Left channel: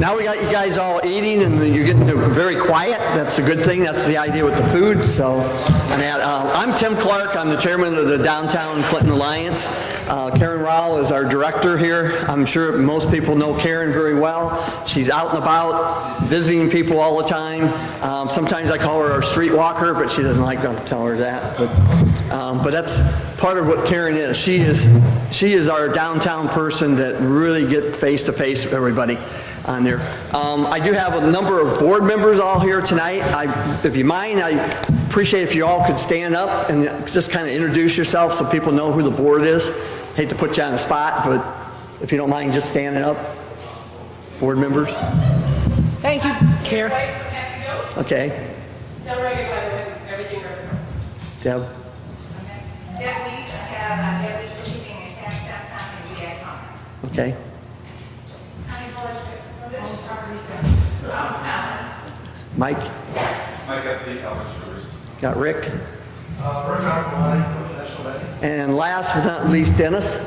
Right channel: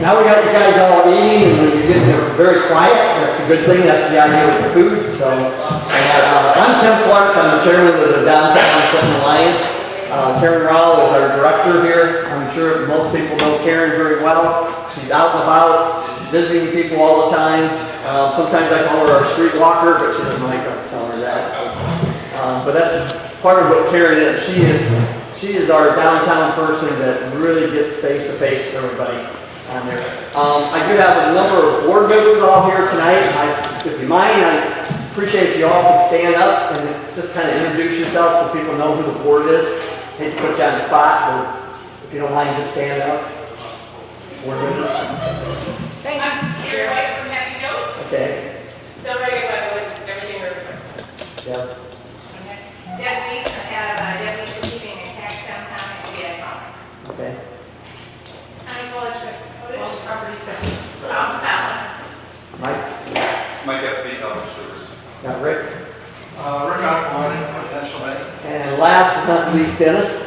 Now we got you guys all eating and you're getting very quiet. That's a good thing. That's the idea with the food. So I'm Tim Clark. I'm the chairman of the Downtown Clinton Alliance. Karen Rowell is our director here. I'm sure most people know Karen very well. She's out and about, visiting people all the time. Sometimes I call her our street walker, but she doesn't like to tell her that. But that's part of what Karen is. She is our downtown person that really gets face to face with everybody on there. I do have a number of board members all here tonight. If you mind, I appreciate if you all could stand up and just kind of introduce yourself so people know who the board is. Hate to put you on the spot, but if you don't mind, just stand up. Board members. Thank you. Here. From Happy Jokes. Okay. Don't worry about it. Everything we're Deb. Okay. Deputies have deputies for keeping in tax downtown and VX on. Okay. County village, property stuff. Downtown. Mike. Mike S.B. Elvis Sugars. Got Rick. Rick Alkalani, Potential Bank. And last but not least, Dennis.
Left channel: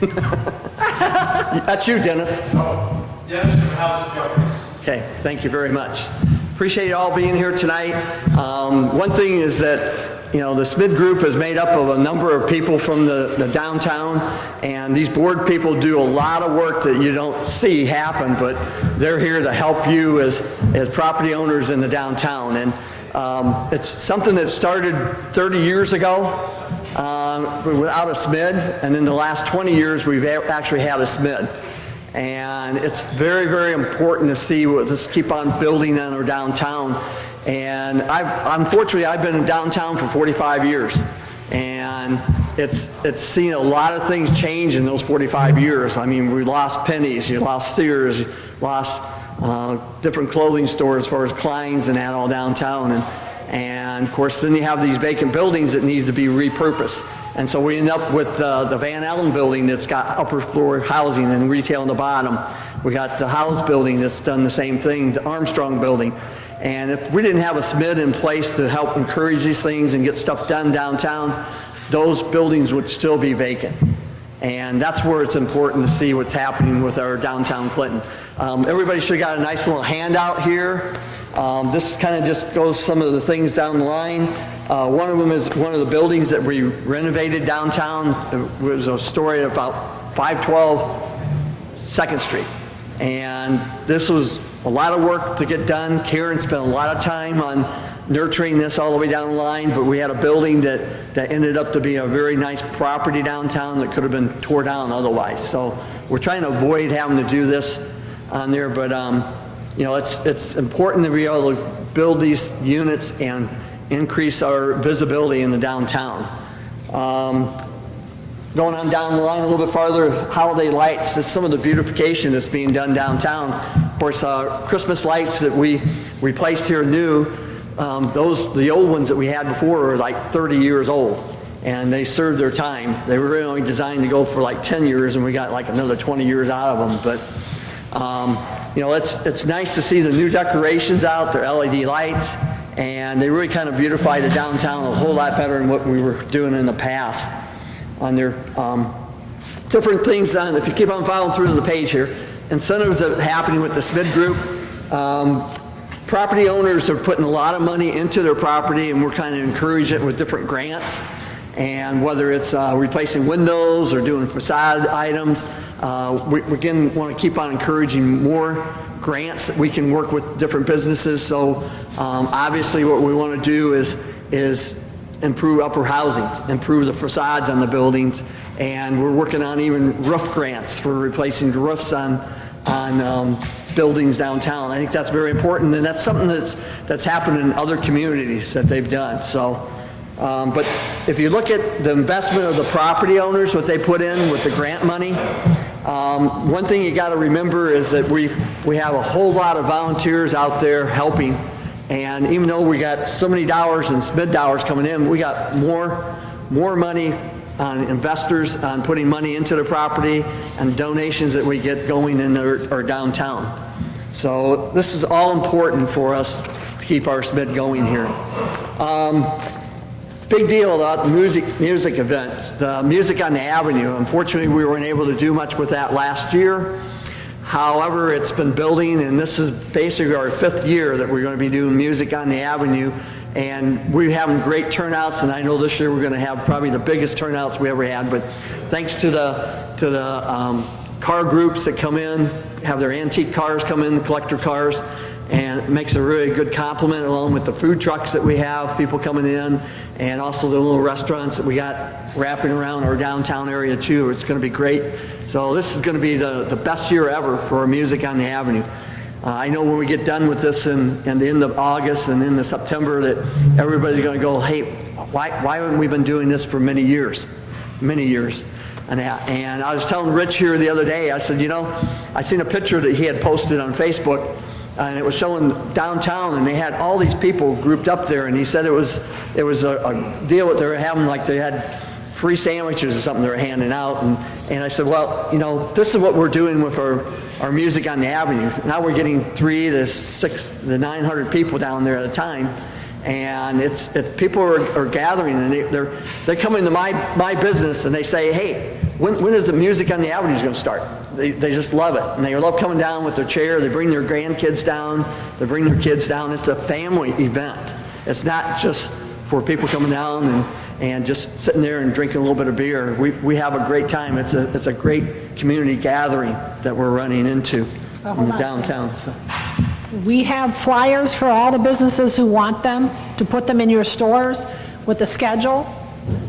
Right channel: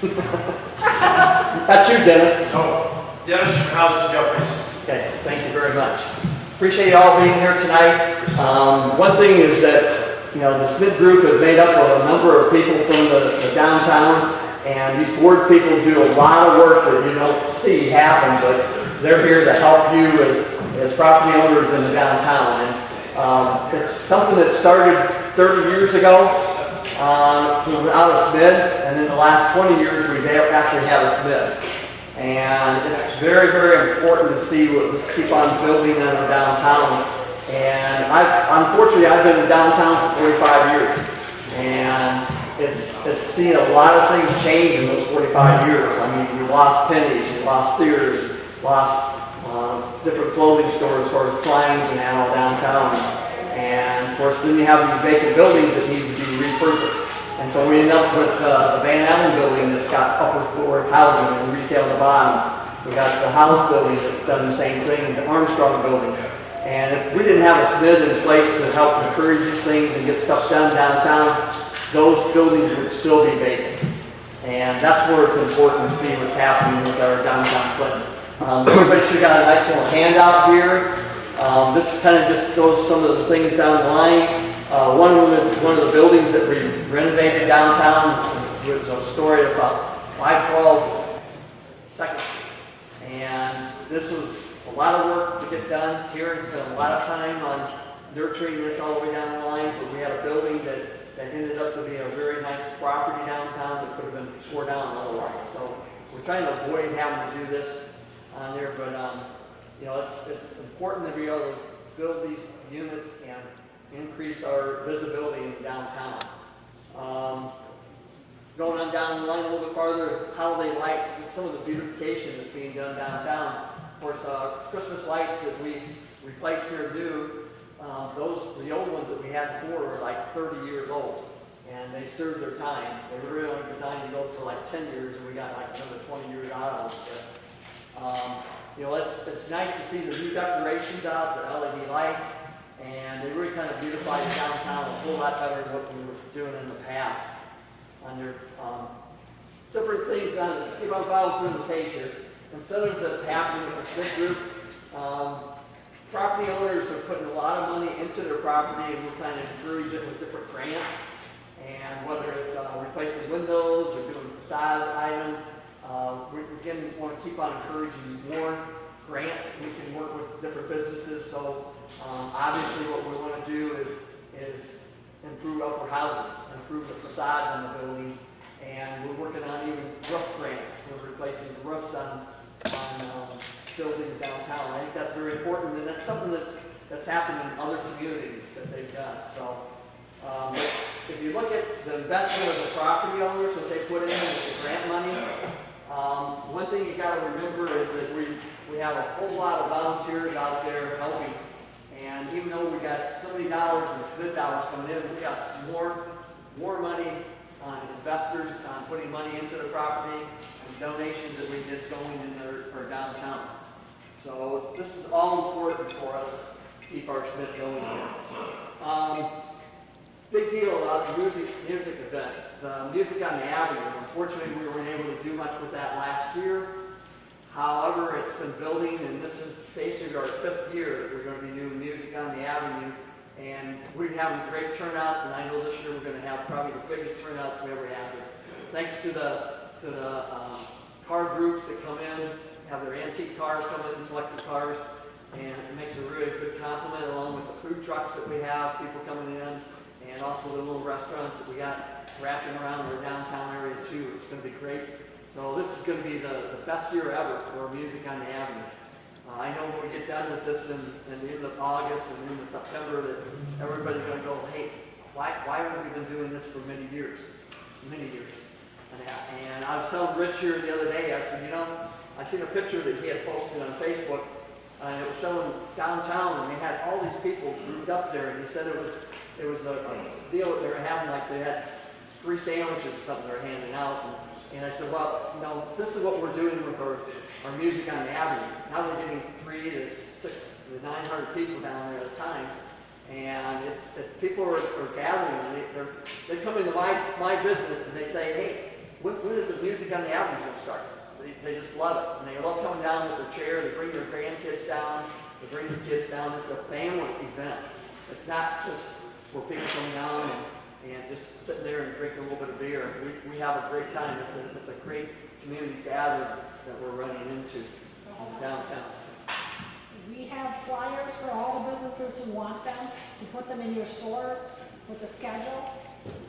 That's you, Dennis. No. Dennis from House of Jeffries. Okay, thank you very much. Appreciate you all being here tonight. One thing is that, the SMID group is made up of a number of people from the downtown, and these board people do a lot of work that you don't see happen, but they're here to help you as property owners in the downtown. And it's something that started 30 years ago without a SMID, and then the last 20 years we've actually had a SMID. And it's very, very important to see let's keep on building on our downtown. And unfortunately, I've been in downtown for 45 years. And it's seen a lot of things change in those 45 years. I mean, we lost Penny's, you lost Sears, you lost different clothing stores as far as Klein's and that all downtown. And of course, then you have these vacant buildings that need to be repurposed. And so we end up with the Van Allen building that's got upper floor housing and retail on the bottom. We got the House building that's done the same thing, the Armstrong building. And if we didn't have a SMID in place to help encourage these things and get stuff done downtown, those buildings would still be vacant. And that's where it's important to see what's happening with our downtown Clinton. Everybody should have got a nice little handout here. This kind of just goes some of the things down the line. One of them is one of the buildings that we renovated downtown. It was a story about 512 2nd Street. And this was a lot of work to get done. Karen spent a lot of time on nurturing this all the way down the line, but we had a building that ended up to be a very nice property downtown that could have been tore down otherwise. So we're trying to avoid having to do this on there, but it's important to be able to build these units and increase our visibility in the downtown. Going on down the line a little bit farther, holiday lights. This is some of the beautification that's being done downtown. Of course, Christmas lights that we replaced here new, the old ones that we had before were like 30 years old, and they served their time. They were really only designed to go for like 10 years, and we got like another 20 years out of them. But it's nice to see the new decorations out, their LED lights, and they really kind of beautify the downtown a whole lot better than what we were doing in the past. On their different things on, if you keep on following through the page here, incentives that are happening with the SMID group. Property owners are putting a lot of money into their property, and we're kind of encouraging it with different grants. And whether it's replacing windows or doing facade items, we again want to keep on encouraging more grants that we can work with different businesses. So obviously what we want to do is improve upper housing, improve the facades on the buildings, and we're working on even roof grants for replacing the roofs on buildings downtown. I think that's very important, and that's something that's happened in other communities that they've done. So, but if you look at the investment of the property owners, what they put in with the grant money, one thing you got to remember is that we have a whole lot of volunteers out there helping. And even though we got so many dollars and SMID dollars coming in, we got more money on investors, on putting money into the property, and donations that we get going in our downtown. So this is all important for us to keep our SMID going here. Big deal about the music event, the Music on the Avenue. Unfortunately, we weren't able to do much with that last year. However, it's been building, and this is basically our 5th year that we're going to be doing Music on the Avenue. And we're having great turnouts, and I know this year we're going to have probably the biggest turnouts we ever had. But thanks to the car groups that come in, have their antique cars come in, collector cars, and it makes a really good complement, along with the food trucks that we have, people coming in, and also the little restaurants that we got wrapping around our downtown area too. It's going to be great. So this is going to be the best year ever for our Music on the Avenue. I know when we get done with this in the end of August and into September that everybody's going to go, hey, why haven't we been doing this for many years? Many years. And I was telling Rich here the other day, I said, you know, I seen a picture that he had posted on Facebook, and it was showing downtown, and they had all these people grouped up there, and he said it was a deal that they were having, like they had free sandwiches or something they were handing out, and I said, well, you know, this is what we're doing with our Music on the Avenue. Now we're getting 300 to 600 to 900 people down there at a time, and people are gathering, and they're coming to my business, and they say, hey, when is the Music on the Avenue going to start? They just love it, and they love coming down with their chair. They bring their grandkids down. They bring their kids down. It's a family event. It's not just for people coming down and just sitting there and drinking a little bit of beer. We have a great time. It's a great community gathering that we're running into in the downtown. So. We have flyers for all the businesses who want them to put them in your stores with the schedule.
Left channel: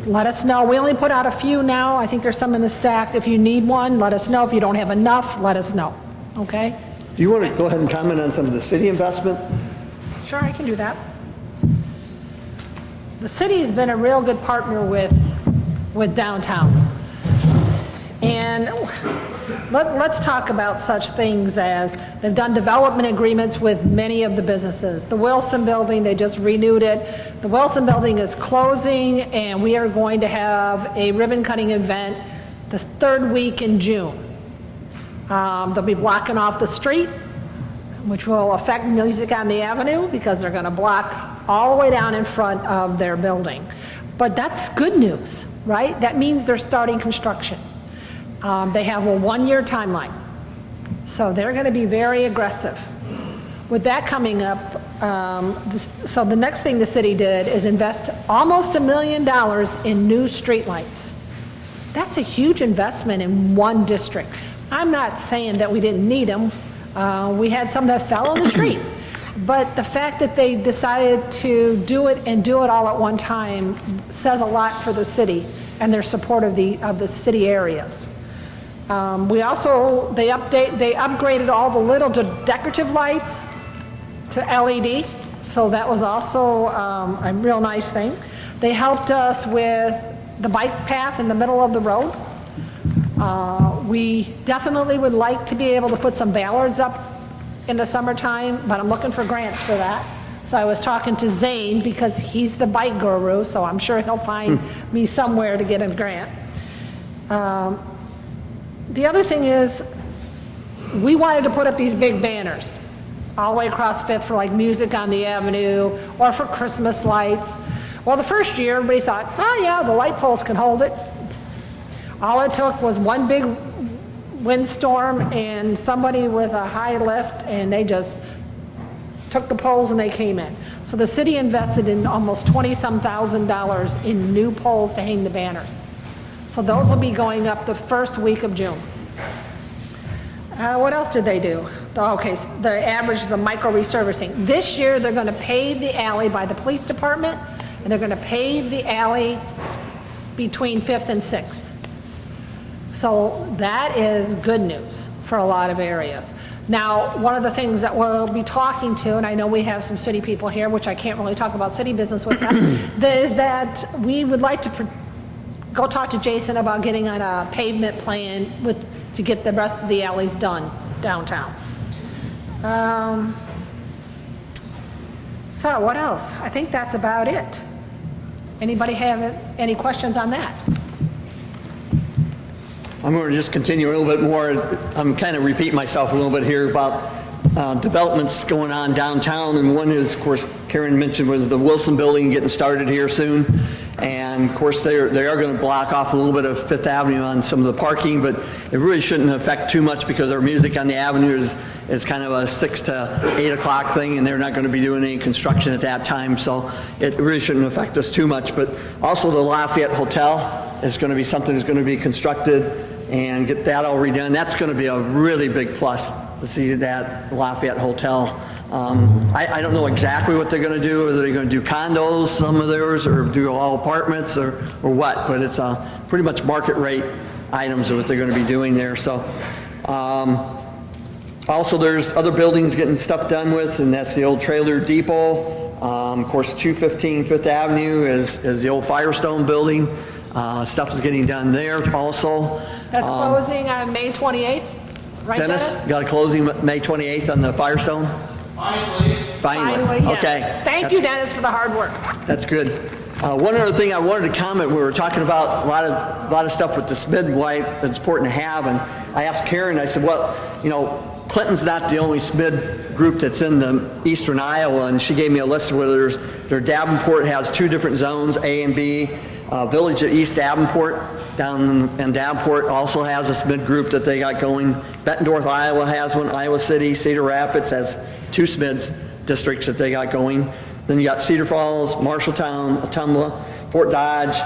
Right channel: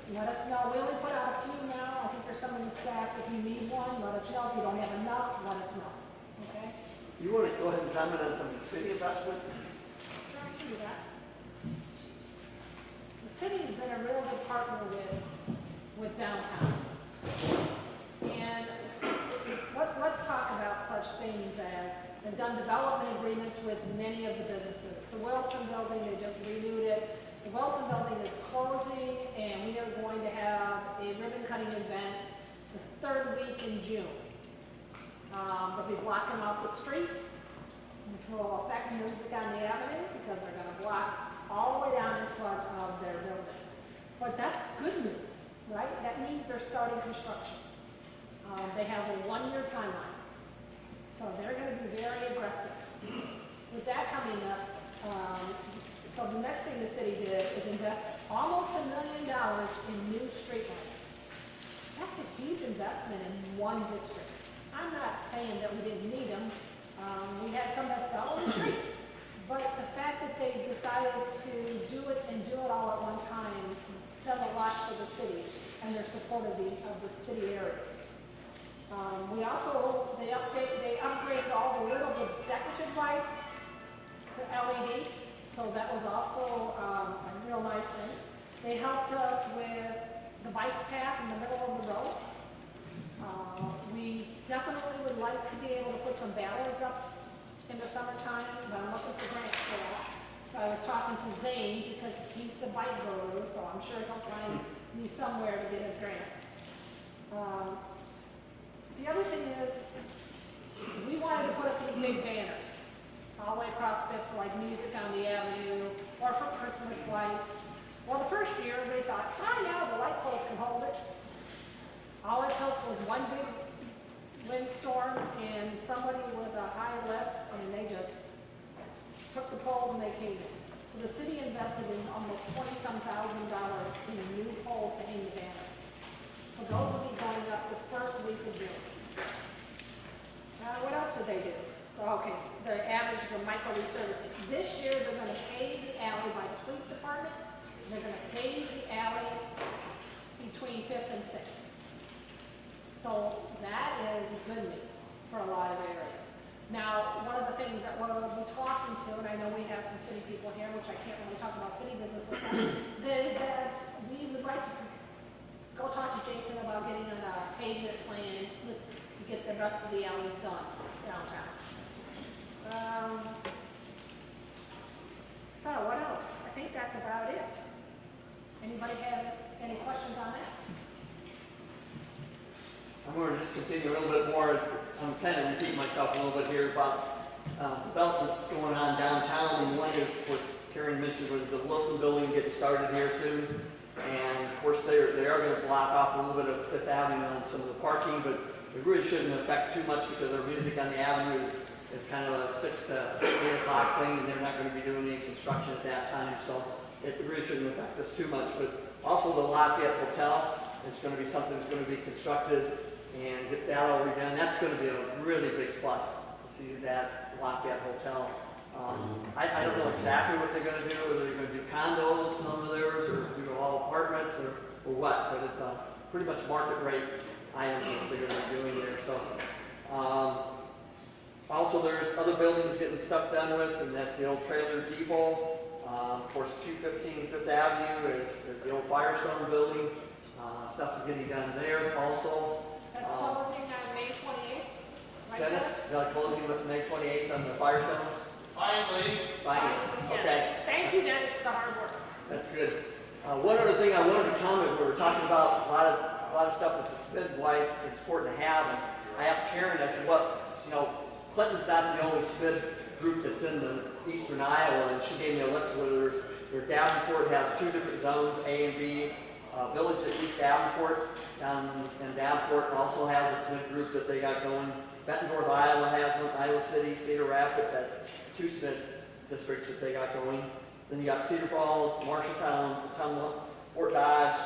Let us know. We only put out a few now. I think there's some in the stack. If you need one, let us know. If you don't have enough, let us know. Okay? Do you want to go ahead and comment on some of the city investment? Sure, I can do that. The city's been a real good partner with downtown. And let's talk about such things as they've done development agreements with many of the businesses. The Wilson Building, they just renewed it. The Wilson Building is closing, and we are going to have a ribbon cutting event the 3rd week in June. They'll be blocking off the street, which will affect Music on the Avenue because they're going to block all the way down in front of their building. But that's good news, right? That means they're starting construction. They have a 1-year timeline, so they're going to be very aggressive. With that coming up, so the next thing the city did is invest almost $1 million in new streetlights. That's a huge investment in one district. I'm not saying that we didn't need them. We had some that fell on the street. But the fact that they decided to do it and do it all at one time says a lot for the city and their support of the city areas. They upgraded all the little decorative lights to LED, so that was also a real nice thing. They helped us with the bike path in the middle of the road. We definitely would like to be able to put some ballards up in the summertime, but I'm looking for grants for that. So I was talking to Zane because he's the bike guru, so I'm sure he'll find me somewhere to get a grant. The other thing is, we wanted to put up these big banners all the way across Fifth for like Music on the Avenue or for Christmas lights. Well, the first year, everybody thought, oh yeah, the light poles can hold it. All it took was one big windstorm and somebody with a high lift, and they just took the poles and they came in. So the city invested in almost $20-some thousand in new poles to hang the banners. So those will be going up the 1st week of June. What else did they do? Okay, the micro resurfacing. This year, they're going to pave the alley by the police department, and they're going to pave the alley between 5th and 6th. So that is good news for a lot of areas. Now, one of the things that we'll be talking to, and I know we have some city people here, which I can't really talk about city business with them, is that we would like to go talk to Jason about getting on a pavement plan to get the rest of the alleys done downtown. So what else? I think that's about it. Anybody have any questions on that? I'm going to just continue a little bit more. I'm kind of repeating myself a little bit here about developments going on downtown. And one is, of course, Karen mentioned, was the Wilson Building getting started here soon. And of course, they are going to block off a little bit of Fifth Avenue on some of the parking, but it really shouldn't affect too much because our music on the avenue is kind of a 6 to 8 o'clock thing, and they're not going to be doing any construction at that time, so it really shouldn't affect us too much. But also the Lafayette Hotel is going to be something that's going to be constructed and get that all redone. That's going to be a really big plus to see that Lafayette Hotel. I don't know exactly what they're going to do, whether they're going to do condos, some of theirs, or do all apartments or what, but it's pretty much market rate items are what they're going to be doing there. So also there's other buildings getting stuff done with, and that's the old trailer depot. Of course, 215 Fifth Avenue is the old Firestone building. Stuff is getting done there also. That's closing on May 28th, right, Dennis? Got a closing May 28th on the Firestone? Finally. Finally, yes. okay. Thank you, Dennis, for the hard work. That's good. One other thing I wanted to comment, we were talking about a lot of stuff with the SMID, why it's important to have, and I asked Karen, I said, well, you know, Clinton's not the only SMID group that's in the eastern Iowa, and she gave me a list of where Davenport has 2 different zones, A and B. Village of East Davenport down in Davenport also has a SMID group that they got going. Bettendorf, Iowa has one. Iowa City, Cedar Rapids has 2 SMIDs districts that they got going. Then you got Cedar Falls, Marshalltown, Ottumwa, Fort Dodge,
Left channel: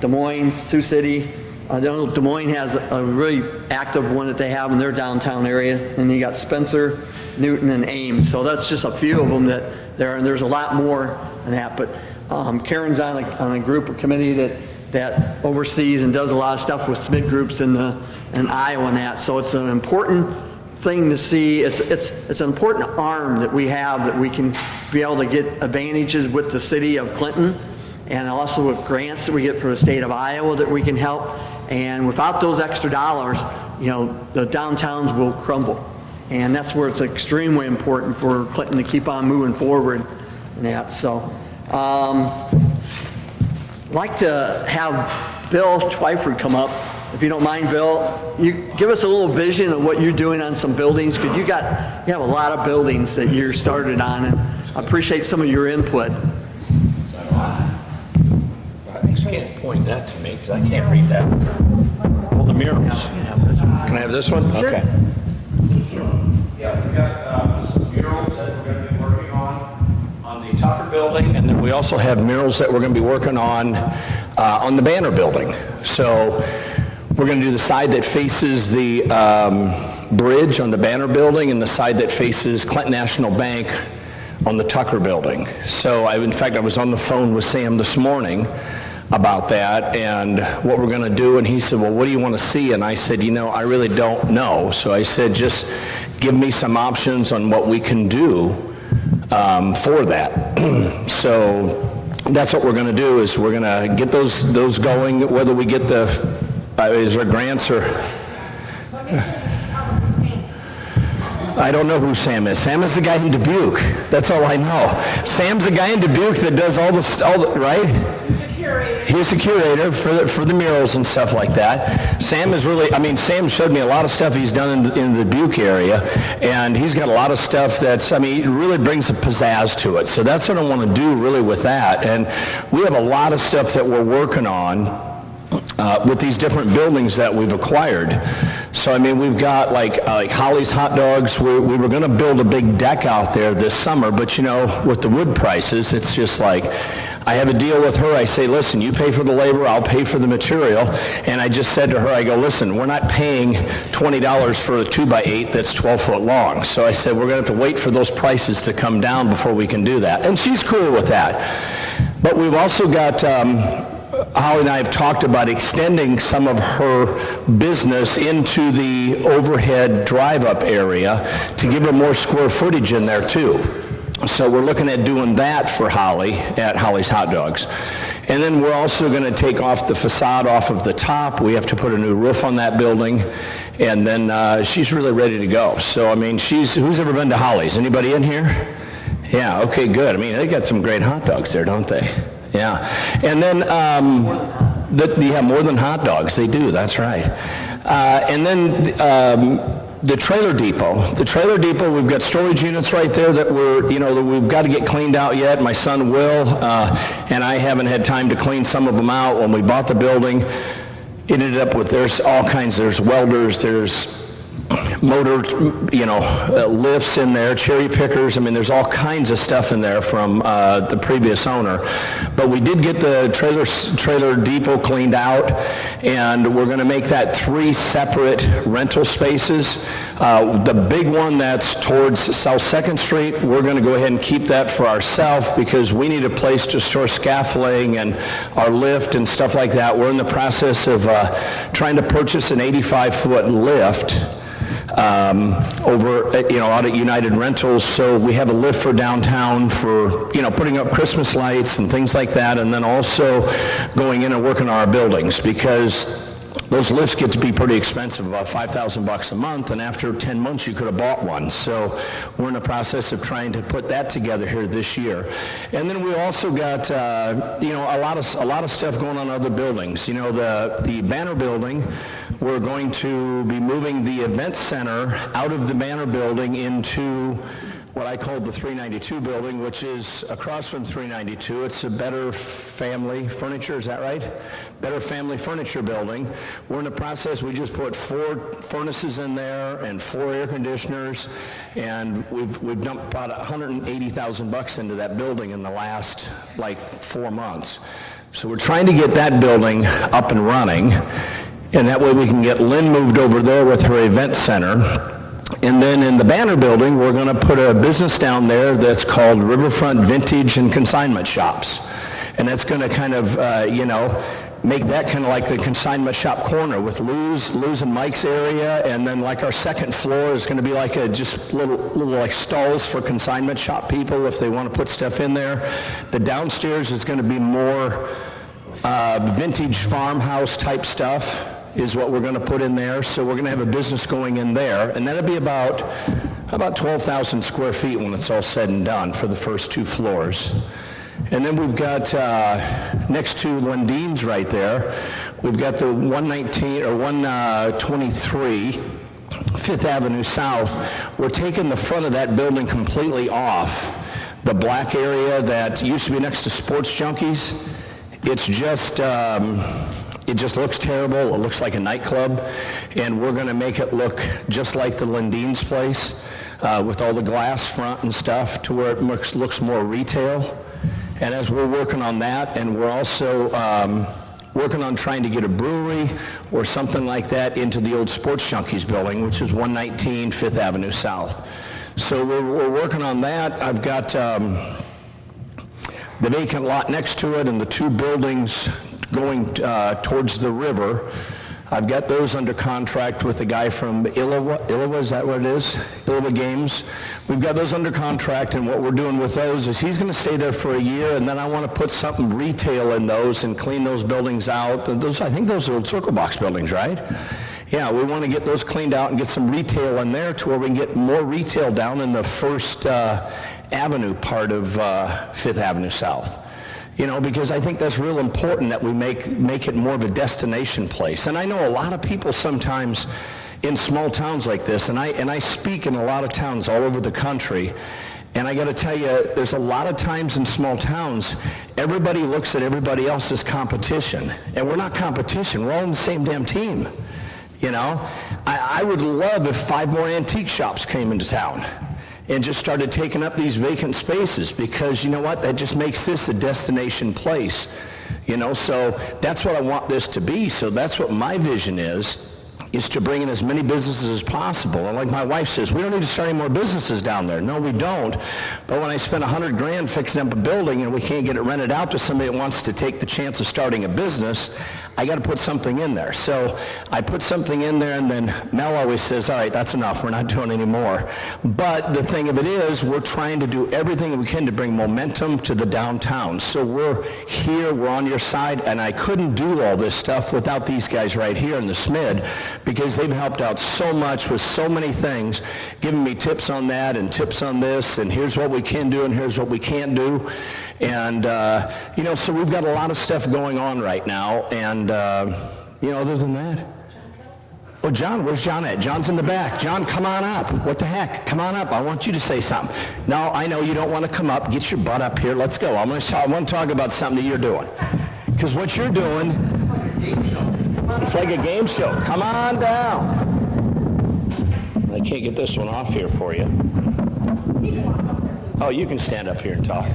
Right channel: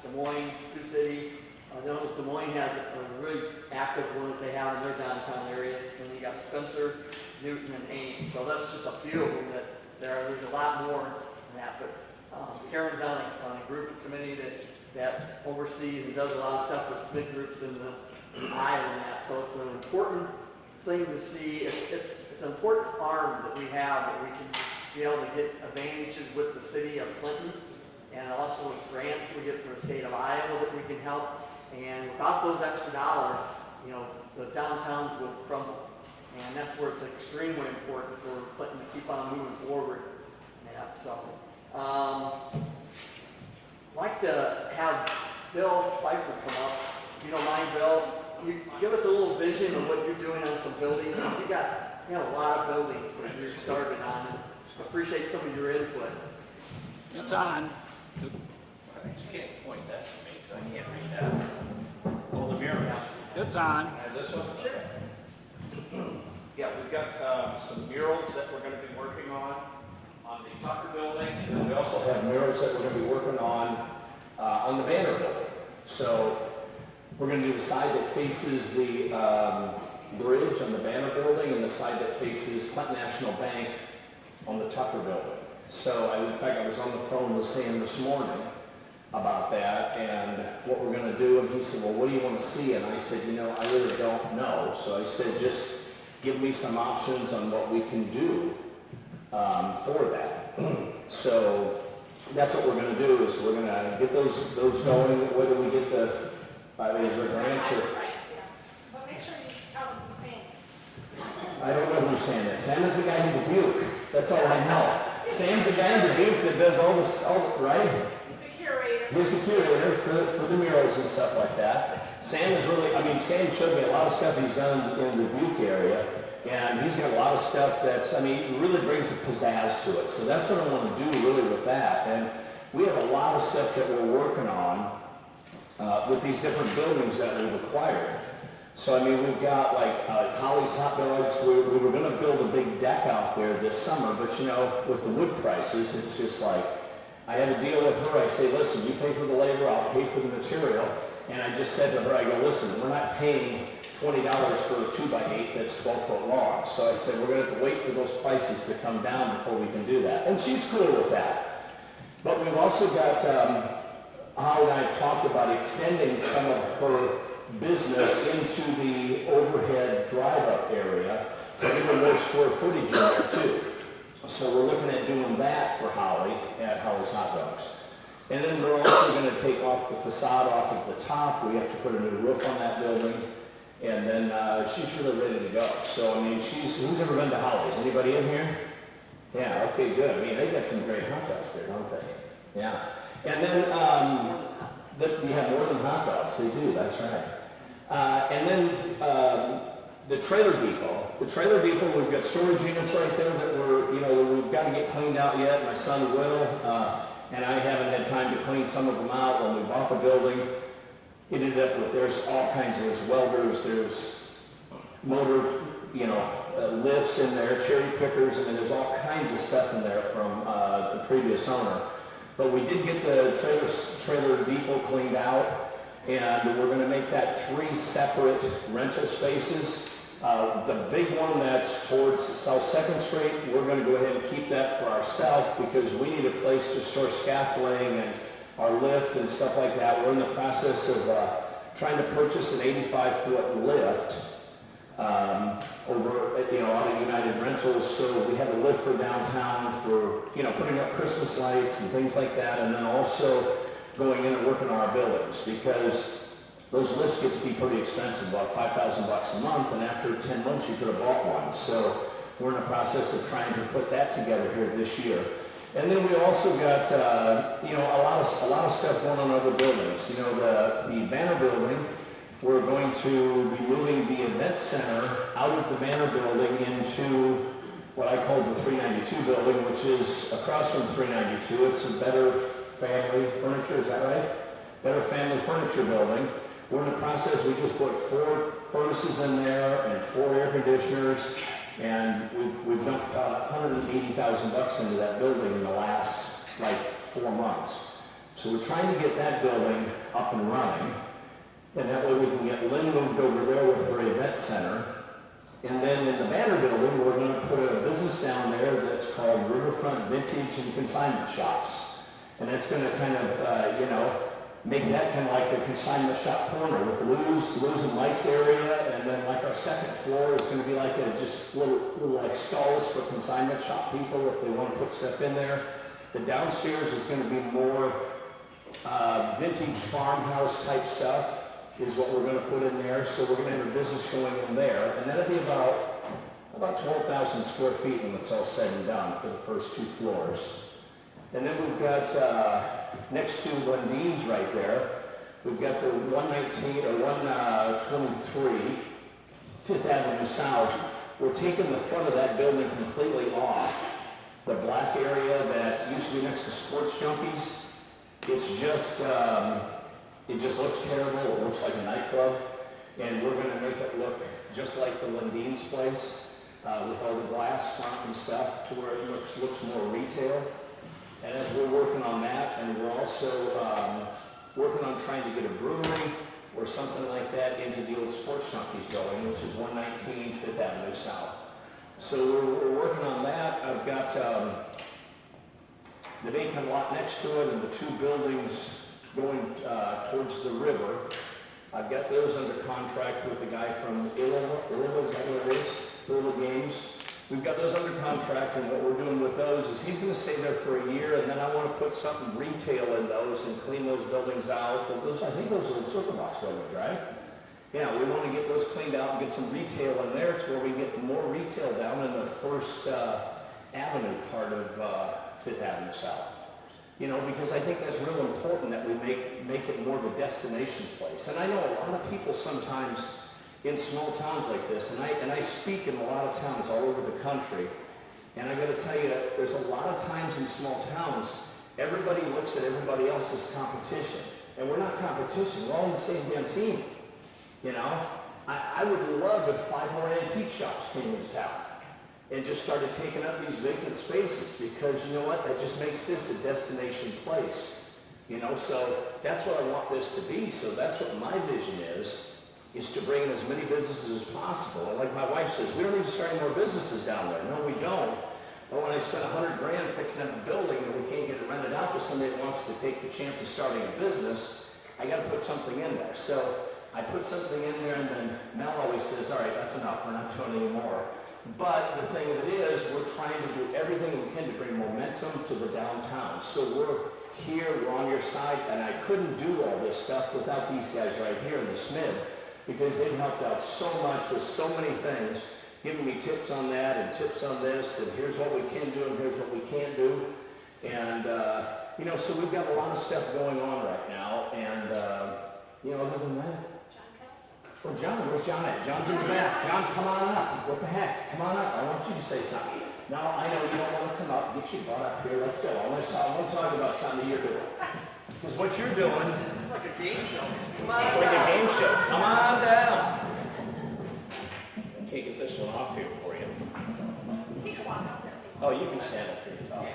Des Moines, Sioux City. I know Des Moines has a really active one that they have in their downtown area. And you got Spencer, Newton, and Ames. So that's just a few of them that there, and there's a lot more than that. But Karen's on a group or committee that oversees and does a lot of stuff with SMID groups in Iowa and that. So it's an important thing to see. It's an important arm that we have that we can be able to get advantages with the city of Clinton, and also with grants that we get for the state of Iowa that we can help. And without those extra dollars, you know, the downtowns will crumble. And that's where it's extremely important for Clinton to keep on moving forward and that. So I'd like to have Bill Twyford come up, if you don't mind, Bill. You give us a little vision of what you're doing on some buildings, because you have a lot of buildings that you're started on, and I appreciate some of your input. You can't point that to me because I can't read that. Well, the murals. Can I have this one? Sure. Okay. Yeah, we got some murals that we're going to be working on the Tucker building, and then we also have murals that we're going to be working on the Banner building. So we're going to do the side that faces the bridge on the Banner building and the side that faces Clinton National Bank on the Tucker building. So in fact, I was on the phone with Sam this morning about that and what we're going to do, and he said, well, what do you want to see? And I said, you know, I really don't know. So I said, just give me some options on what we can do for that. So that's what we're going to do, is we're going to get those going, whether we get is there grants or... I don't know who Sam is. Sam is the guy in Dubuque. That's all I know. Sam's the guy in Dubuque that does all the right? He's the curator. He's the curator for the murals and stuff like that. Sam is really, I mean, Sam showed me a lot of stuff he's done in the Dubuque area, and he's got a lot of stuff that's, I mean, it really brings a pizzazz to it. So that's what I want to do really with that. And we have a lot of stuff that we're working on with these different buildings that we've acquired. So I mean, we've got like Holly's Hot Dogs. We were going to build a big deck out there this summer, but you know, with the wood prices, it's just like, I have a deal with her. I say, listen, you pay for the labor, I'll pay for the material. And I just said to her, I go, listen, we're not paying $20 for a 2x8 that's 12 foot long. So I said, we're going to have to wait for those prices to come down before we can do that. And she's cool with that. But we've also got, Holly and I have talked about extending some of her business into the overhead drive-up area to give her more square footage in there too. So we're looking at doing that for Holly at Holly's Hot Dogs. And then we're also going to take off the facade off of the top. We have to put a new roof on that building. And then she's really ready to go. So, I mean, who's ever been to Holly's? Anybody in here? Yeah, okay, good. I mean, they got some great hot dogs there, don't they? Yeah. And then, yeah, more than hot dogs. They do, that's right. And then the trailer depot. The trailer depot, we've got storage units right there that that we've got to get cleaned out yet. My son will, and I haven't had time to clean some of them out. When we bought the building, it ended up with, there's all kinds, there's welders, there's motor, lifts in there, cherry pickers. I mean, there's all kinds of stuff in there from the previous owner. But we did get the trailer depot cleaned out, and we're going to make that 3 separate rental spaces. The big one that's towards South 2nd Street, we're going to go ahead and keep that for ourselves because we need a place to store scaffolding and our lift and stuff like that. We're in the process of trying to purchase an 85-foot lift over out at United Rentals, so we have a lift for downtown for putting up Christmas lights and things like that, and then also going in and working on our buildings because those lifts get to be pretty expensive, about $5,000 a month, and after 10 months you could have bought one. So we're in the process of trying to put that together here this year. And then we also got a lot of stuff going on in other buildings. The Banner building, we're going to be moving the event center out of the Banner building into what I call the 392 building, which is across from 392. It's a Better Family Furniture, is that right? Better Family Furniture building. We're in the process, we just put 4 furnaces in there and 4 air conditioners, and we've dumped about $180,000 into that building in the last 4 months. So we're trying to get that building up and running, and that way we can get Lynn moved over there with her event center. And then in the Banner building, we're going to put a business down there that's called Riverfront Vintage and Consignment Shops. And that's going to kind of, make that kind of like the consignment shop corner with Lou's and Mike's area. And then like our second floor is going to be like just little like stalls for consignment shop people if they want to put stuff in there. The downstairs is going to be more vintage farmhouse type stuff is what we're going to put in there. So we're going to have a business going in there, and that'll be about 12,000 square feet when it's all said and done for the first 2 floors. And then we've got next to Lundine's right there, we've got the 123 Fifth Avenue South. We're taking the front of that building completely off. The black area that used to be next to Sports Junkies, it's just it just looks terrible. It looks like a nightclub, and we're going to make it look just like the Lundine's place with all the glass front and stuff to where it looks more retail. And as we're working on that, and we're also working on trying to get a brewery or something like that into the old Sports Junkies building, which is 119 Fifth Avenue South. So we're working on that. I've got the vacant lot next to it and the 2 buildings going towards the river. I've got those under contract with a guy from Iowa, is that what it is? Iowa Games. We've got those under contract, and what we're doing with those is he's going to stay there for a year, and then I want to put something retail in those and clean those buildings out. And I think those are old Circle Box buildings, right? Yeah, we want to get those cleaned out and get some retail in there to where we can get more retail down in the First Avenue part of Fifth Avenue South. Because I think that's real important that we make it more of a destination place. And I know a lot of people sometimes in small towns like this, and I speak in a lot of towns all over the country, and I got to tell you, there's a lot of times in small towns, everybody looks at everybody else as competition, and we're not competition. We're all in the same damn team. I would love if 5 more antique shops came into town and just started taking up these vacant spaces, because you know what, that just makes this a destination place. So that's what I want this to be. So that's what my vision is to bring in as many businesses as possible. And like my wife says, we don't need to start any more businesses down there. No, we don't. But when I spend $100,000 fixing up a building and we can't get it rented out to somebody that wants to take the chance of starting a business, I got to put something in there. So I put something in there, and then Mel always says, all right, that's enough. We're not doing any more. But the thing of it is, we're trying to do everything we can to bring momentum to the downtown. So we're here, we're on your side, and I couldn't do all this stuff without these guys right here in the SMID, because they've helped out so much with so many things, giving me tips on that and tips on this, and here's what we can do and here's what we can't do. And, so we've got a lot of stuff going on right now. And, other than that, Oh, John, where's John at? John's in the back. John, come on up. What the heck? Come on up. I want you to say something. No, I know you don't want to come up. Get your butt up here. Let's go. I want to talk about something that you're doing. Because what you're doing... It's like a game show. It's like a game show. Come on down. I can't get this one off here for you. Oh, you can stand up here and talk.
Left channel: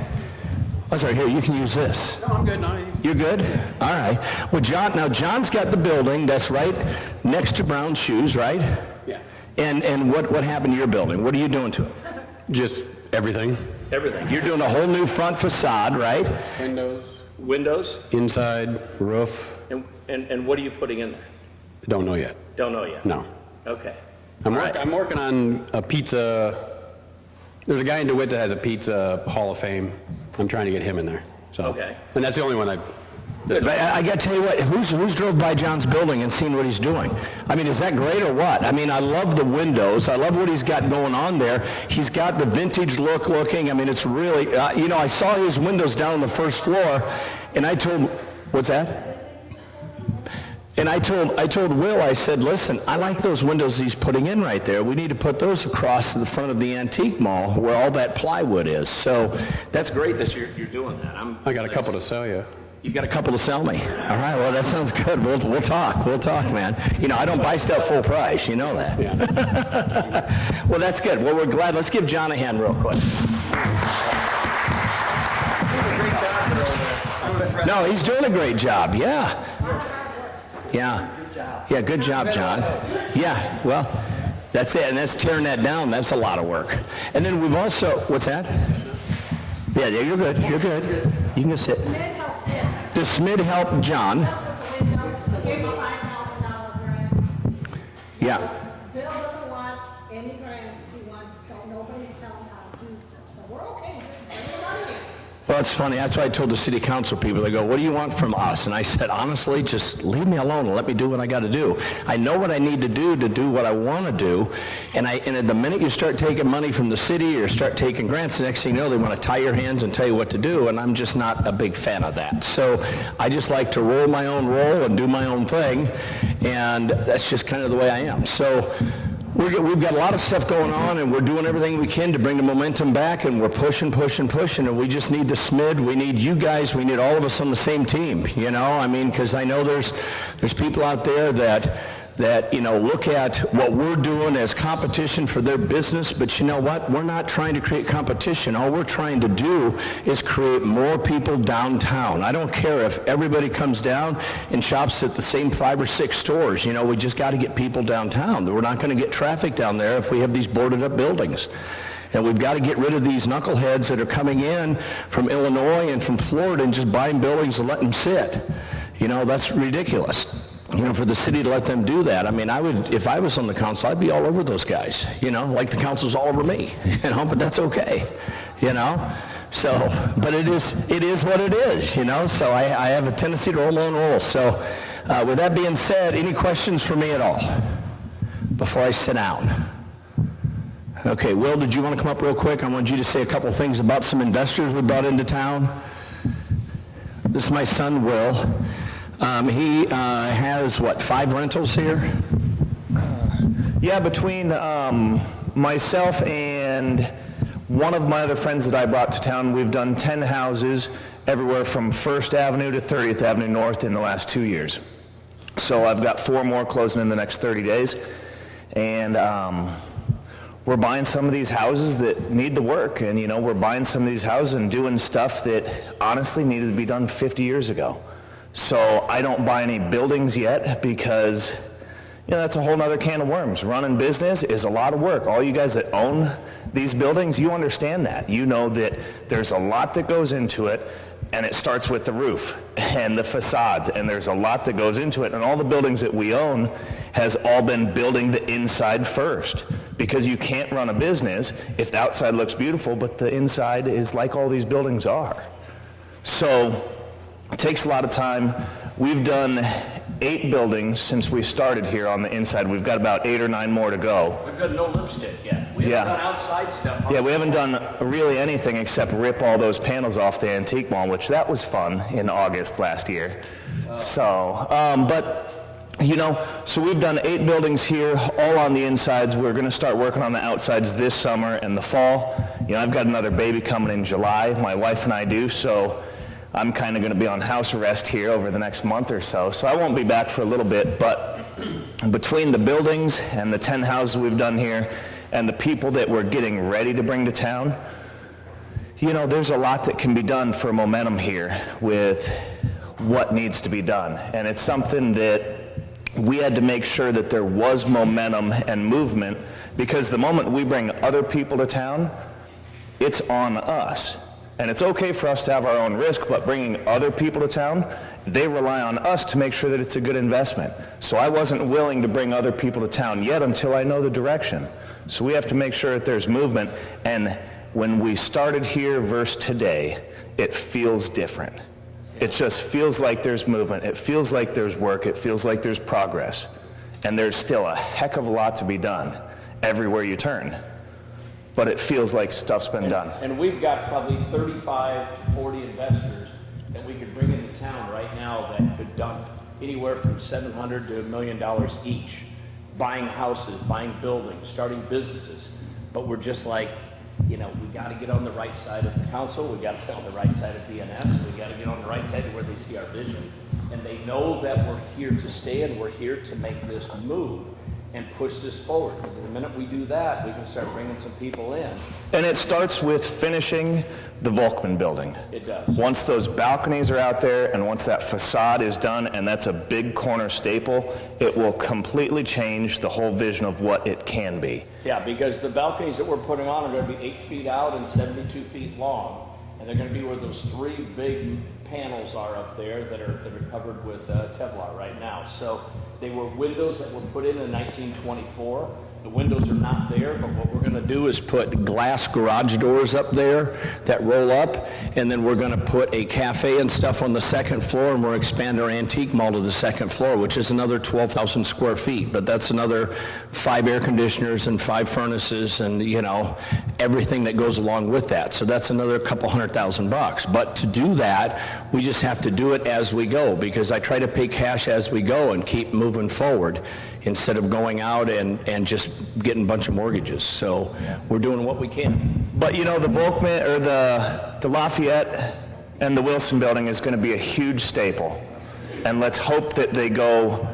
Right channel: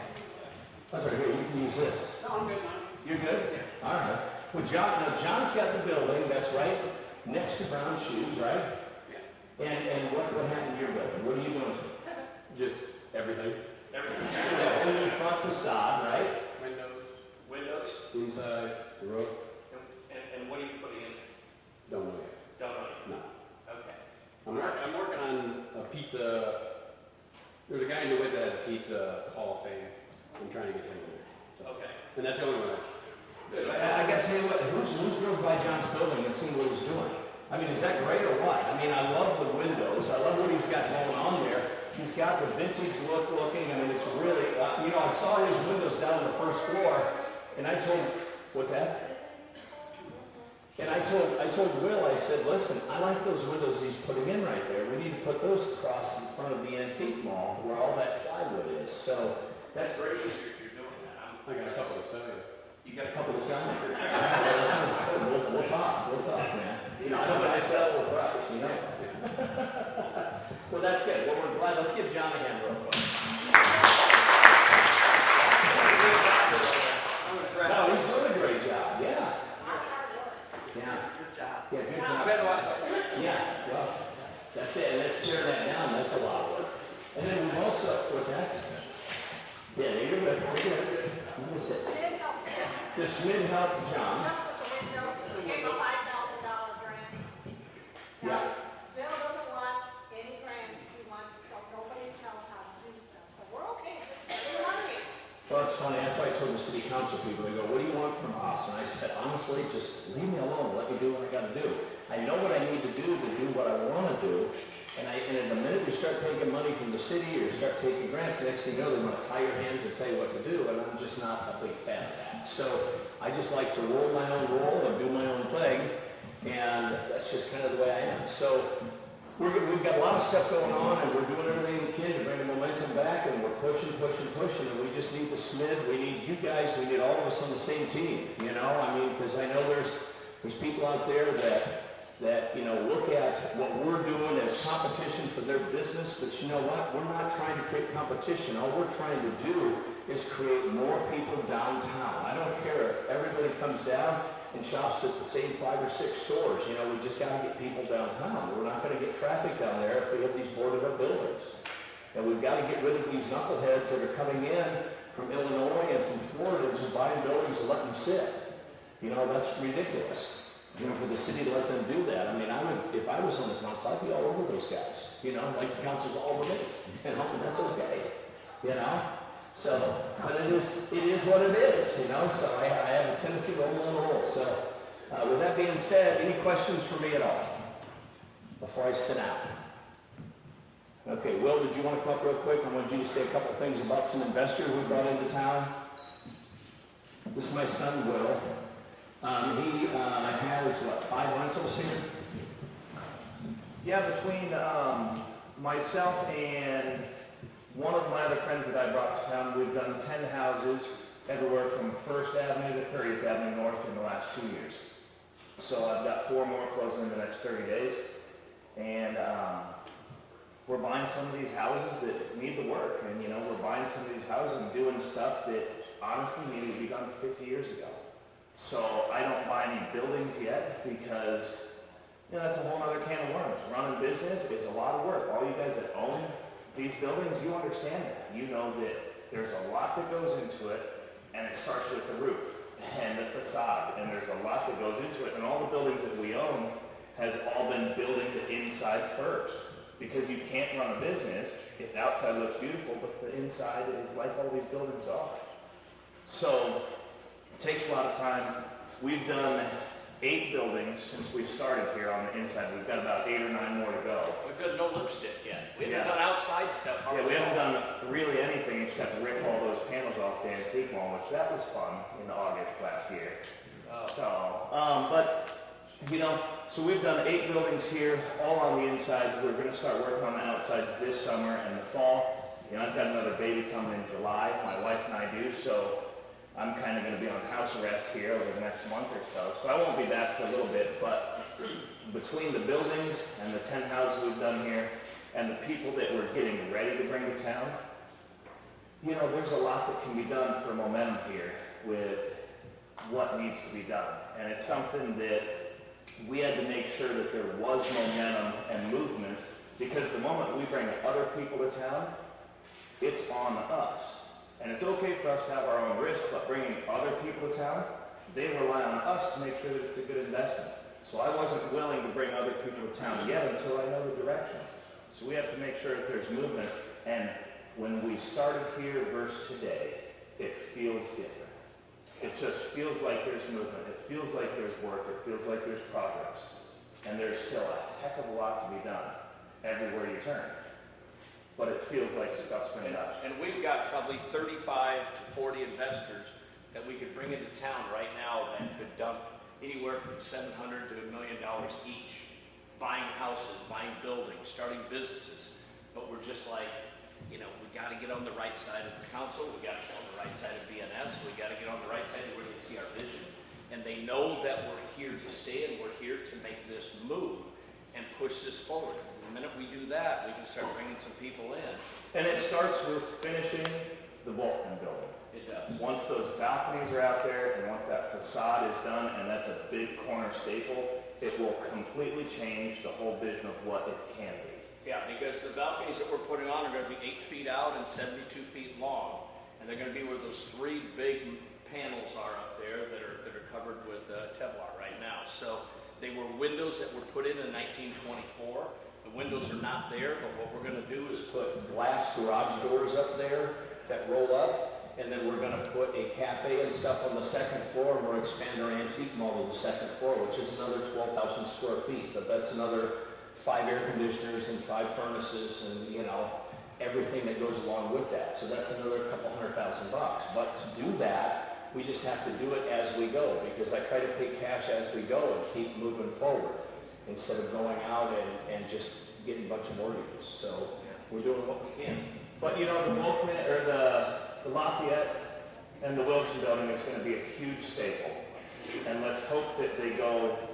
Oh, sorry, here, you can use this. No, I'm good now. You're good? All right. Well, John's got the building that's right next to Brown Shoes, right? Yeah. And what happened to your building? What are you doing to it? Just everything. Everything. You're doing a whole new front facade, right? Windows? Inside, roof. And what are you putting in there? Don't know yet. Don't know yet. No. Okay. I'm All right. working on a pizza. There's a guy in DeWitt that has a pizza Hall of Fame. I'm trying to get him in there. So. Okay. And that's the only one But I got to tell you what, who's drove by John's building and seen what he's doing? I mean, is that great or what? I mean, I love the windows. I love what he's got going on there. He's got the vintage look looking. I mean, it's really, I saw his windows down on the first floor, and I told him, what's that? And I told Will, I said, listen, I like those windows he's putting in right there. We need to put those across to the front of the antique mall where all that plywood is. So that's great that you're doing that. I got a couple to sell you. You got a couple to sell me. All right, well, that sounds good. We'll talk. We'll talk, man. I don't buy stuff full price. You know that. Yeah. Well, that's good. Well, we're glad. Let's give John a hand real quick. No, he's doing a great job. Yeah. Yeah. Yeah, good job, John. Yeah, well, that's it. And that's tearing that down. That's a lot of work. And then we've also, what's that? Yeah, you're good. You're good. You can go sit. The SMID helped John. Give him a $5,000 grant. Yeah. Bill doesn't want any grants. He wants nobody to tell him how to do stuff. So we're okay. Just give him money. Well, it's funny. That's why I told the city council people. They go, what do you want from us? And I said, honestly, just leave me alone and let me do what I got to do. I know what I need to do what I want to do. And at the minute you start taking money from the city or start taking grants, the next thing you know, they want to tie your hands and tell you what to do. And I'm just not a big fan of that. So I just like to roll my own roll and do my own thing. And that's just kind of the way I am. So we've got a lot of stuff going on, and we're doing everything we can to bring the momentum back, and we're pushing, and we just need the SMID. We need you guys. We need all of us on the same team, I mean, because I know there's people out there that look at what we're doing as competition for their business, but you know what? We're not trying to create competition. All we're trying to do is create more people downtown. I don't care if everybody comes down and shops at the same 5 or 6 stores. We just got to get people downtown. We're not going to get traffic down there if we have these boarded up buildings. And we've got to get rid of these knuckleheads that are coming in from Illinois and from Florida and just buying buildings and letting them sit. That's ridiculous. For the city to let them do that. I mean, if I was on the council, I'd be all over those guys, like the council's all over me, but that's okay, So, but it is what it is, so I have a tendency to roll my own roll. So, with that being said, any questions for me at all before I sit down? Okay, Will, did you want to come up real quick? I want you to say a couple things about some investors we brought into town. This is my son, Will. He has, 5 rentals here? Yeah, between myself and one of my other friends that I brought to town, we've done 10 houses everywhere from 1st Avenue to 30th Avenue North in the last 2 years. So I've got 4 more closing in the next 30 days. And we're buying some of these houses that need the work. And, we're buying some of these houses and doing stuff that honestly needed to be done 50 years ago. So I don't buy any buildings yet because, that's a whole nother can of worms. Running business is a lot of work. All you guys that own these buildings, you understand that. You know that there's a lot that goes into it, and it starts with the roof and the facades, and there's a lot that goes into it. And all the buildings that we own has all been building the inside first, because you can't run a business if the outside looks beautiful, but the inside is like all these buildings are. So it takes a lot of time. We've done 8 buildings since we started here on the inside. We've got about 8 or 9 more to go. We've got no lipstick yet. We haven't done outside stuff. Yeah, we haven't done really anything except rip all those panels off the antique mall, which that was fun in August last year. So, but You know, so we've done 8 buildings here, all on the insides. We're going to start working on the outsides this summer and the fall. You know, I've got another baby coming in July, my wife and I do, so I'm kind of going to be on house arrest here over the next month or so. So I won't be back for a little bit, but between the buildings and the 10 houses we've done here and the people that we're getting ready to bring to town, you know, there's a lot that can be done for momentum here with what needs to be done. And it's something that we had to make sure that there was momentum and movement, because the moment we bring other people to town, it's on us. And it's okay for us to have our own risk, but bringing other people to town, they rely on us to make sure that it's a good investment. So I wasn't willing to bring other people to town yet until I know the direction. So we have to make sure that there's movement. And when we started here versus today, it feels different. It just feels like there's movement. It feels like there's work. It feels like there's progress. And there's still a heck of a lot to be done everywhere you turn. But it feels like stuff's been done. And we've got probably 35 to 40 investors that we could bring into town right now that could dump anywhere from $700 to $1 million each, buying houses, buying buildings, starting businesses. But we're just like, you know, we got to get on the right side of the council, we got to get on the right side of BNS, we got to get on the right side of where they see our vision. And they know that we're here to stay and we're here to make this move and push this forward. And the minute we do that, we can start bringing some people in. And it starts with finishing the Volkman building. It does. Once those balconies are out there and once that facade is done, and that's a big corner staple, it will completely change the whole vision of what it can be. Yeah, because the balconies that we're putting on are going to be 8 feet out and 72 feet long. And they're going to be where those 3 big panels are up there that are covered with Kevlar right now. So they were windows that were put in 1924. The windows are not there, but what we're going to do is put glass garage doors up there that roll up, and then we're going to put a cafe and stuff on the second floor, and we're expanding our antique mall to the second floor, which is another 12,000 square feet, but that's another 5 air conditioners and 5 furnaces and, you know, everything that goes along with that. So that's another couple $100,000. But to do that, we just have to do it as we go, because I try to pay cash as we go and keep moving forward instead of going out and just getting a bunch of mortgages. So we're doing what we can. But you know, the Volkman, or the Lafayette and the Wilson building is going to be a huge staple. And let's hope that they go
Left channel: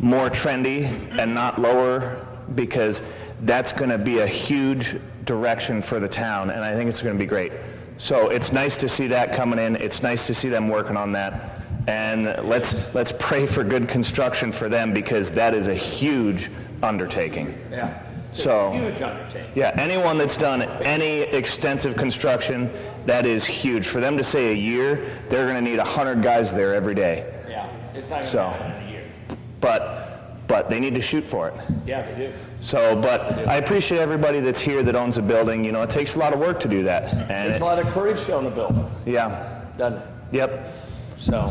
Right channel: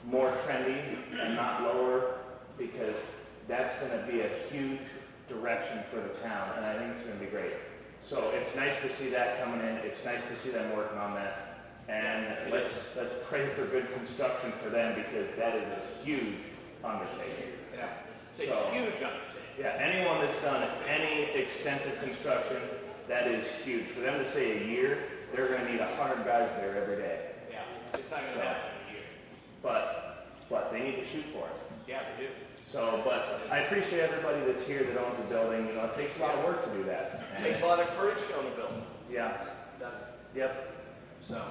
more trendy and not lower, because that's going to be a huge direction for the town, and I think it's going to be great. So it's nice to see that coming in. It's nice to see them working on that. And let's pray for good construction for them, because that is a huge undertaking. Yeah. So, Huge undertaking. yeah, anyone that's done any extensive construction, that is huge. For them to say a year, they're going to need 100 guys there every day. Yeah. It's not going to So, happen in a year. but they need to shoot for it. Yeah, they do. So, but I appreciate everybody that's here that owns a building. You know, it takes a lot of work to do that. And There's a lot of courage shown a building, yeah, doesn't it? yep. So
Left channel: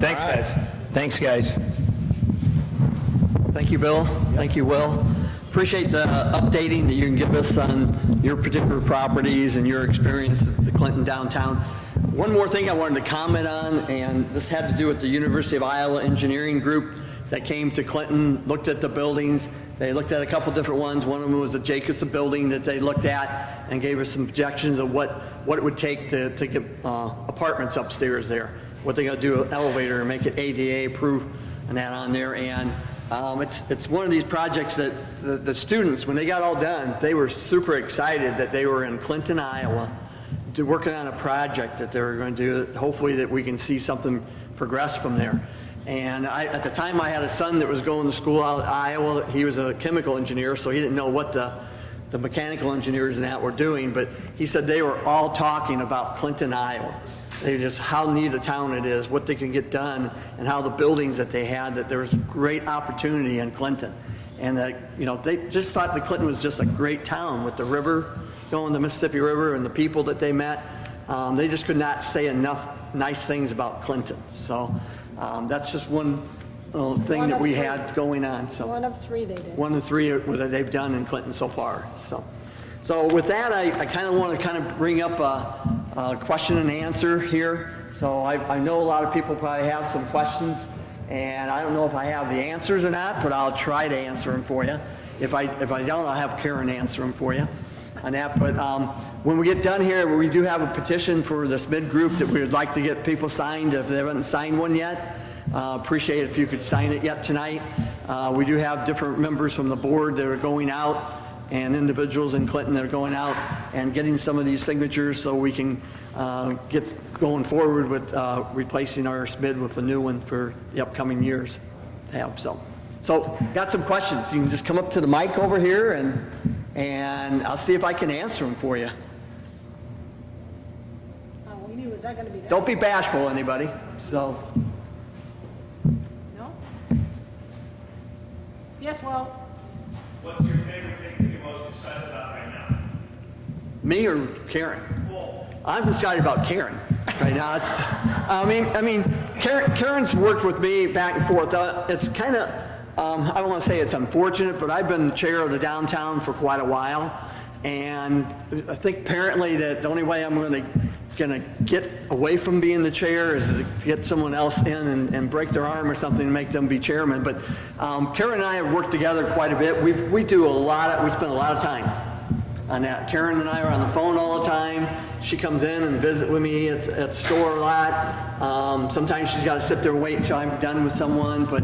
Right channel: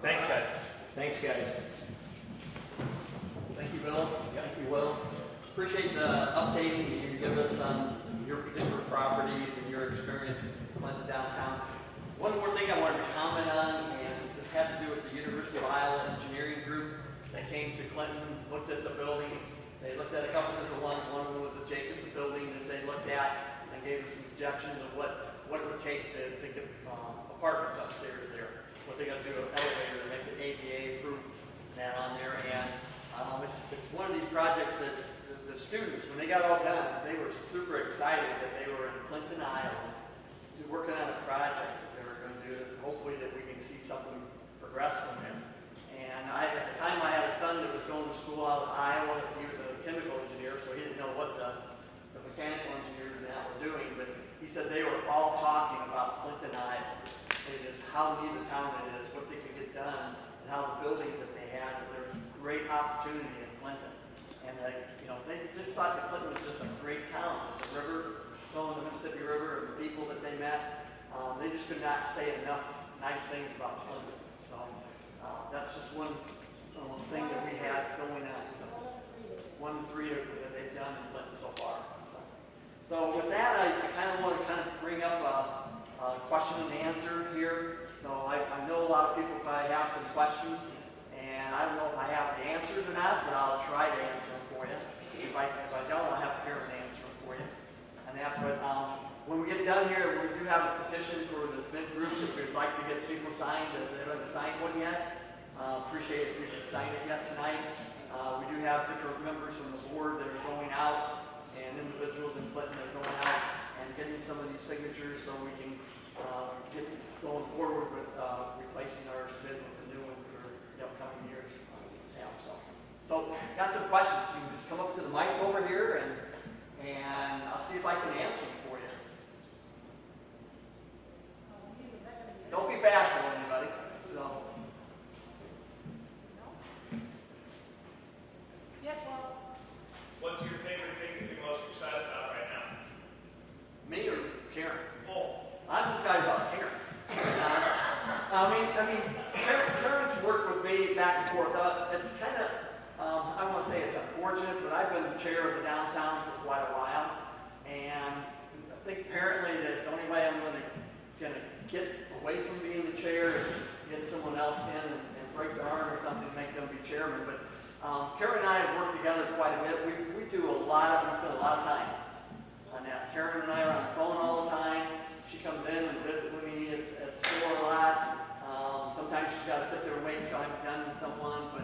Thanks, all right. guys. Thanks, guys. Thank you, Bill. Thank you, Will. Appreciate the updating that you can give us on your particular properties and your experience at the Clinton downtown. One more thing I wanted to comment on, and this had to do with the University of Iowa Engineering Group that came to Clinton, looked at the buildings. They looked at a couple different ones. One of them was the Jacobson building that they looked at and gave us some projections of what it would take to get apartments upstairs there. What they're going to do, an elevator and make it ADA approved and that on there. And it's one of these projects that the students, when they got all done, they were super excited that they were in Clinton, Iowa, working on a project that they were going to do. Hopefully that we can see something progress from there. And at the time, I had a son that was going to school out in Iowa. He was a chemical engineer, so he didn't know what the mechanical engineers and that were doing, but he said they were all talking about Clinton, Iowa. They just, how neat a town it is, what they can get done, and how the buildings that they had, that there was great opportunity in Clinton. And that, you know, they just thought that Clinton was just a great town with the river, going the Mississippi River, and the people that they met. They just could not say enough nice things about Clinton. So that's just one thing that we had going on. So One of 3 they did. 1 of 3 that they've done in Clinton so far. So with that, I kind of want to bring up a question and answer here. So I know a lot of people probably have some questions And I don't know if I have the answers or not, but I'll try to answer them for you. If I don't, I'll have Karen answer them for you on that. But when we get done here, we do have a petition for the SMID group that we would like to get people signed if they haven't signed one yet. Appreciate it if you could sign it yet tonight. We do have different members from the board that are going out and individuals in Clinton that are going out and getting some of these signatures so we can get going forward with replacing our SMID with a new one for the upcoming years to have. So got some questions. You can just come up to the mic over here and I'll see if I can answer them for you. Was that gonna be that? Don't be bashful, anybody. So, No? Yes, well, What's your favorite thing that you're most excited about right now? me or Karen? I'm excited about Karen right now. It's, I mean, Karen's worked with me back and forth. It's kind of, I don't want to say it's unfortunate, but I've been the chair of the downtown for quite a while, and I think apparently that the only way I'm going to get away from being the chair is to get someone else in and break their arm or something to make them be chairman. But Karen and I have worked together quite a bit. We spend a lot of time on that. Karen and I are on the phone all the time. She comes in and visit with me at the store a lot. Sometimes she's got to sit there and wait until I'm done with someone, but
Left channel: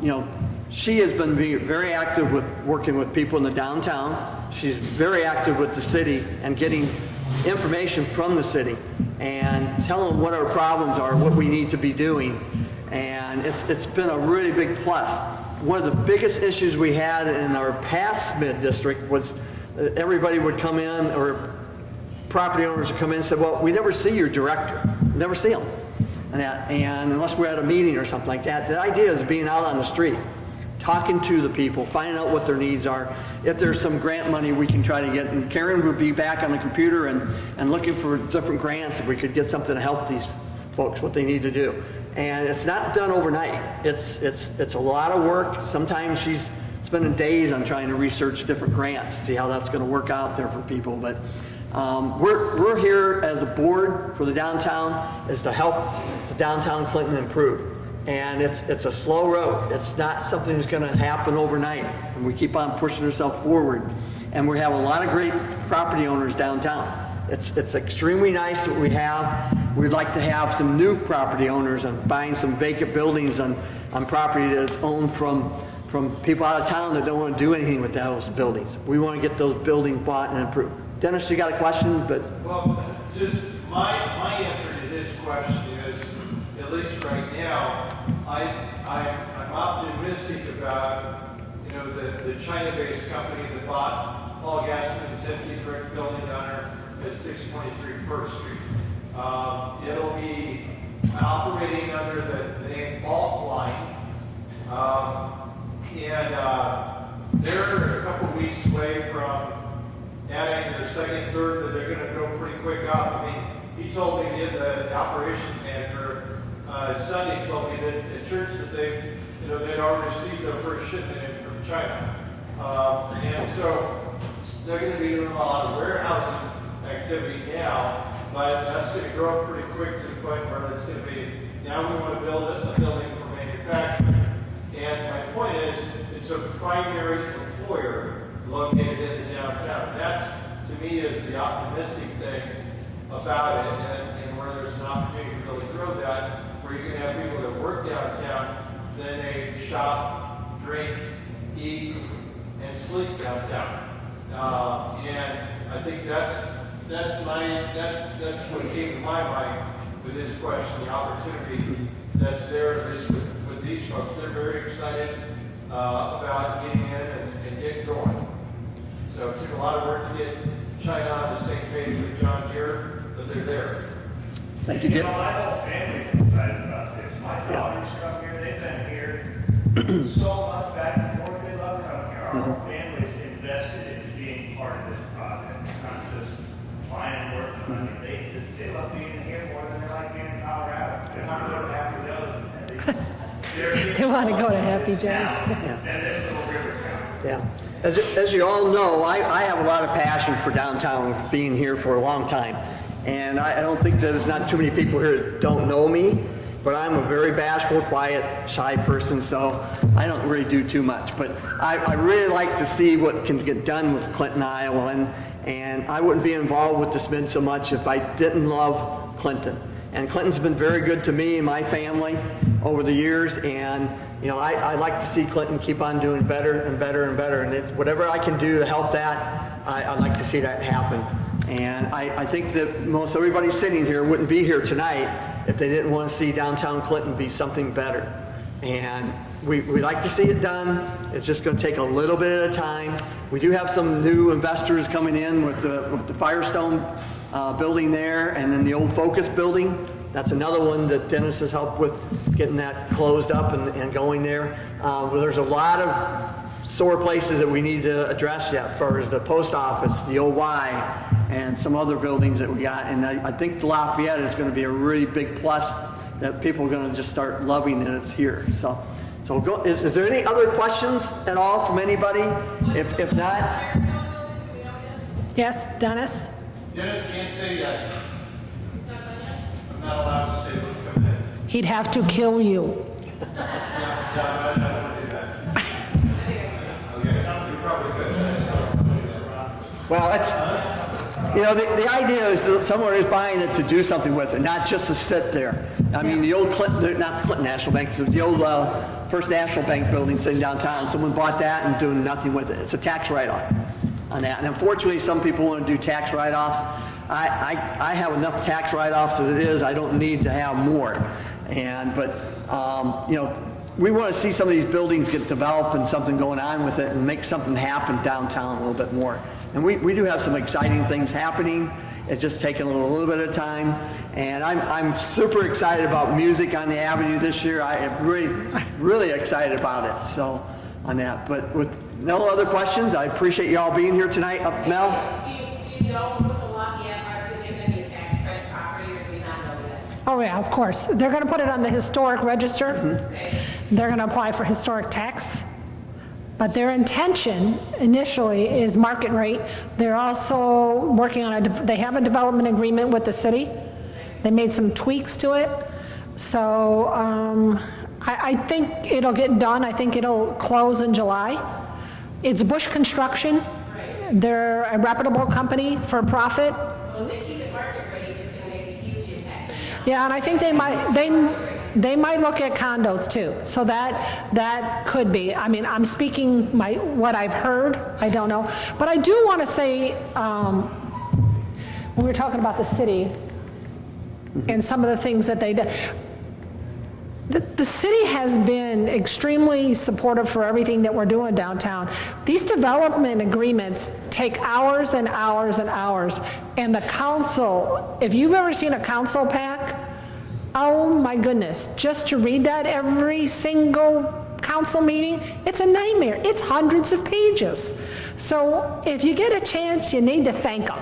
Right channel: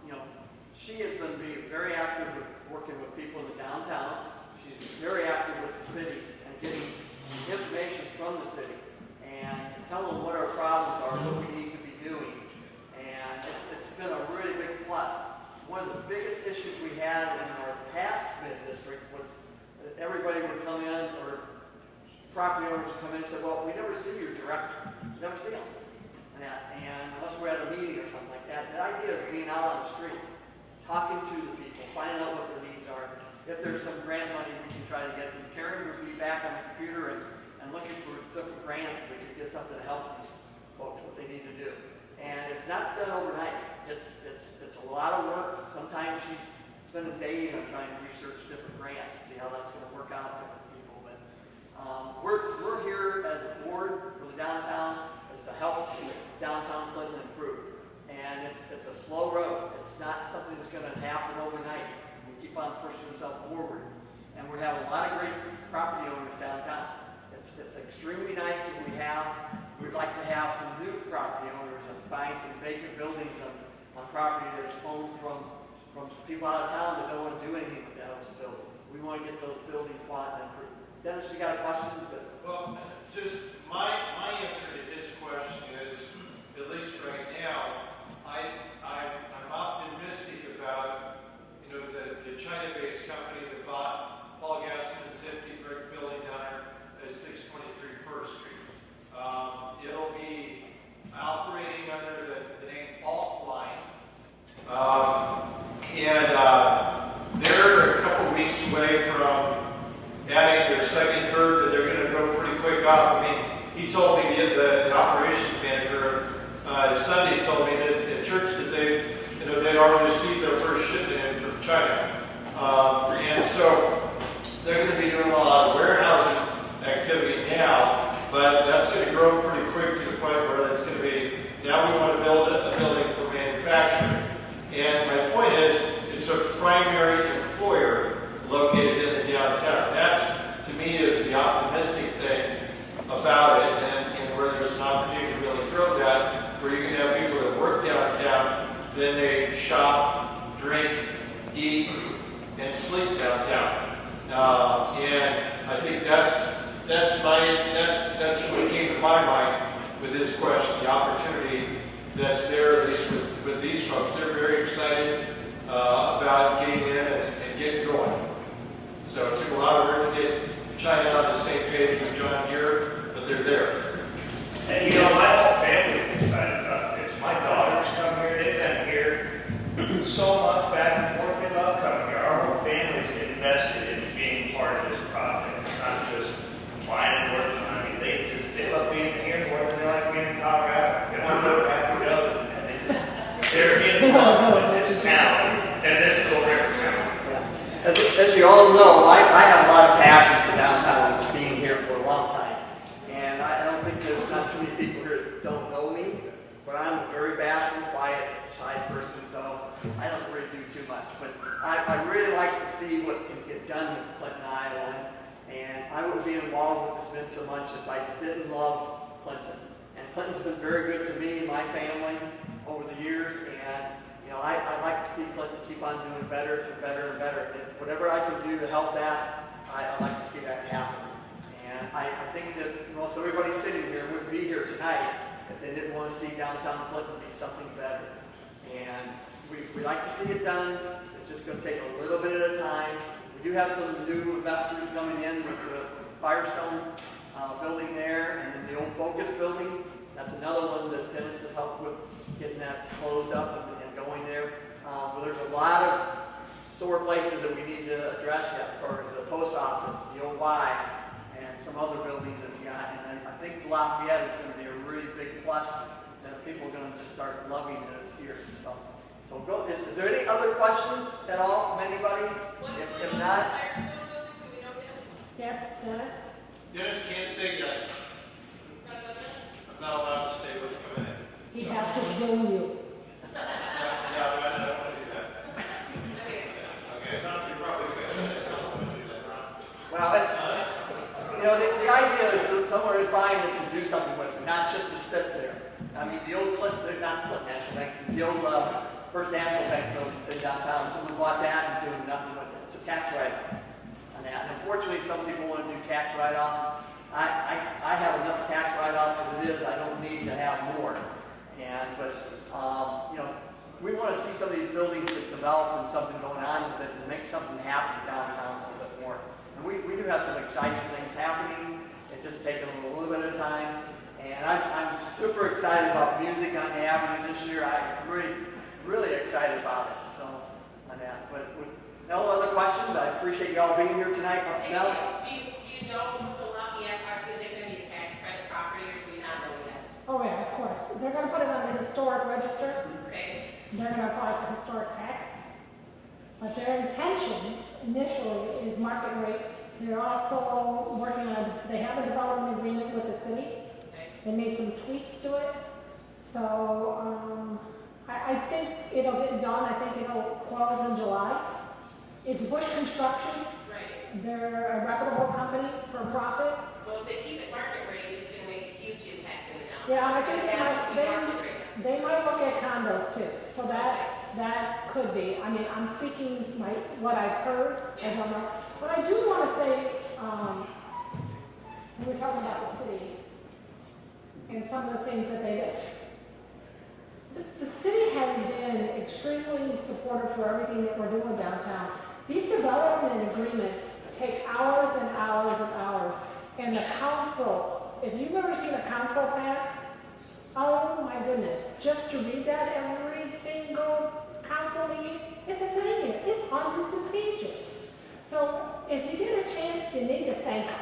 you know, she has been very active with working with people in the downtown. She's very active with the city and getting information from the city and telling them what our problems are, what we need to be doing, and it's been a really big plus. One of the biggest issues we had in our past SMID district was everybody would come in, or property owners would come in and say, well, we never see your director. We never see him. And unless we're at a meeting or something like that. The idea is being out on the street, talking to the people, finding out what their needs are. If there's some grant money we can try to get, and Karen would be back on the computer and looking for different grants if we could get something to help these folks, what they need to do. And it's not done overnight. It's a lot of work. Sometimes she's spending days on trying to research different grants, see how that's going to work out there for people. But we're here as a board for the downtown is to help the downtown Clinton improve. And it's a slow road. It's not something that's going to happen overnight. And we keep on pushing ourselves forward. And we have a lot of great property owners downtown. It's extremely nice what we have. We'd like to have some new property owners and buying some vacant buildings on property that is owned from people out of town that don't want to do anything with those buildings. We want to get those buildings bought and improved. Dennis, you got a question? Well, just my answer to this question is, at least right now, I'm optimistic about, you know, the China-based company that bought Paul Gaston's empty brick building down there at 623 First Street. It'll be operating under the name Bulk Line, and they're a couple weeks away from adding their second, third, but they're going to go pretty quick up. I mean, he told me, the operations manager, Sunday told me that the church that they'd already received their first shipment in from China. And so they're going to be doing a lot of warehousing activity now, but that's going to grow pretty quick to the point where it's going to be, now we want to build a building for manufacturing. And my point is, it's a primary employer located in the downtown. That, to me, is the optimistic thing about it, and where there's an opportunity to really throw that, where you can have people that work downtown, then they shop, drink, eat, and sleep downtown. And I think that's what came to my mind with this question, the opportunity that's there, at least with these folks. They're very excited about getting in and getting going. So it took a lot of work to get China on the same page with John Deere, but they're there. And you know, my whole family's excited about this. My daughters come here, they've been here so much back and forth, they love coming here. Our whole family's invested in being part of this project. It's not just buying and working. I mean, they love being here more than they like being in Colorado. They want to go back to go, and they're in this town, and this little river town. Yeah. As you all know, I have a lot of passion for downtown, being here for a long time. And I don't think there's not too many people here that don't know me. but I'm a very bashful, quiet, shy person, so I don't really do too much. But I really like to see what can get done with Clinton, Iowa, and I wouldn't be involved with the SMID so much if I didn't love Clinton. And Clinton's been very good to me and my family over the years, and you know, I like to see Clinton keep on doing better and better and better, and whatever I can do to help that, I like to see that happen. And I think that most everybody sitting here wouldn't be here tonight if they didn't want to see downtown Clinton be something better. And we like to see it done. It's just going to take a little bit at a time. We do have some new investors coming in with the Firestone building there, and then the old Focus building. That's another one that Dennis has helped with getting that closed up and going there. Well, there's a lot of sore places that we need to address yet, as far as the post office, the OY, and some other buildings that we got. And I think Lafayette is going to be a really big plus that people are going to just start loving that it's here. So go, is there any other questions at all from anybody? If not, Yes, Dennis? Dennis can't say that. I'm not allowed to say what's coming in. He'd have to kill you. Yeah, I'm not going to do that. Okay, you're probably good. well, that's, you know, the idea is that someone is buying it to do something with it, not just to sit there. I mean, the old Clinton, not Clinton National Bank, the old First National Bank building sitting downtown, someone bought that and doing nothing with it. It's a tax write-off on that. And unfortunately, some people want to do tax write-offs. I have enough tax write-offs as it is. I don't need to have more. But you know, we want to see some of these buildings get developed and something going on with it and make something happen downtown a little bit more. And we do have some exciting things happening. It's just taking a little bit of time. And I'm super excited about music on the Avenue this year. I am really excited about it. So on that. But with no other questions, I appreciate you all being here tonight. Mel? Do you know what the Lafayette part, is it going to be a tax credit property, or do we not know that? Oh yeah, of course. They're going to put it on the historic register. Okay. They're going to apply for historic tax. But their intention initially is market rate. They're also working on they have a development agreement with the city. They made some tweaks to it. So I think it'll get done. I think it'll close in July. It's Bush Construction. They're a reputable company for profit. Well, if they keep it market rate, it's going to make a huge impact. Yeah, and I think they might look at condos too. So that could be. I mean, I'm speaking what I've heard. I don't know, but I do want to say when we were talking about the city and some of the things that they did. The city has been extremely supportive for everything that we're doing downtown. These development agreements take hours and hours and hours. And the council, if you've ever seen a council pack, oh my goodness, just to read that every single council meeting, it's a nightmare. It's hundreds of pages. So if you get a chance, you need to thank them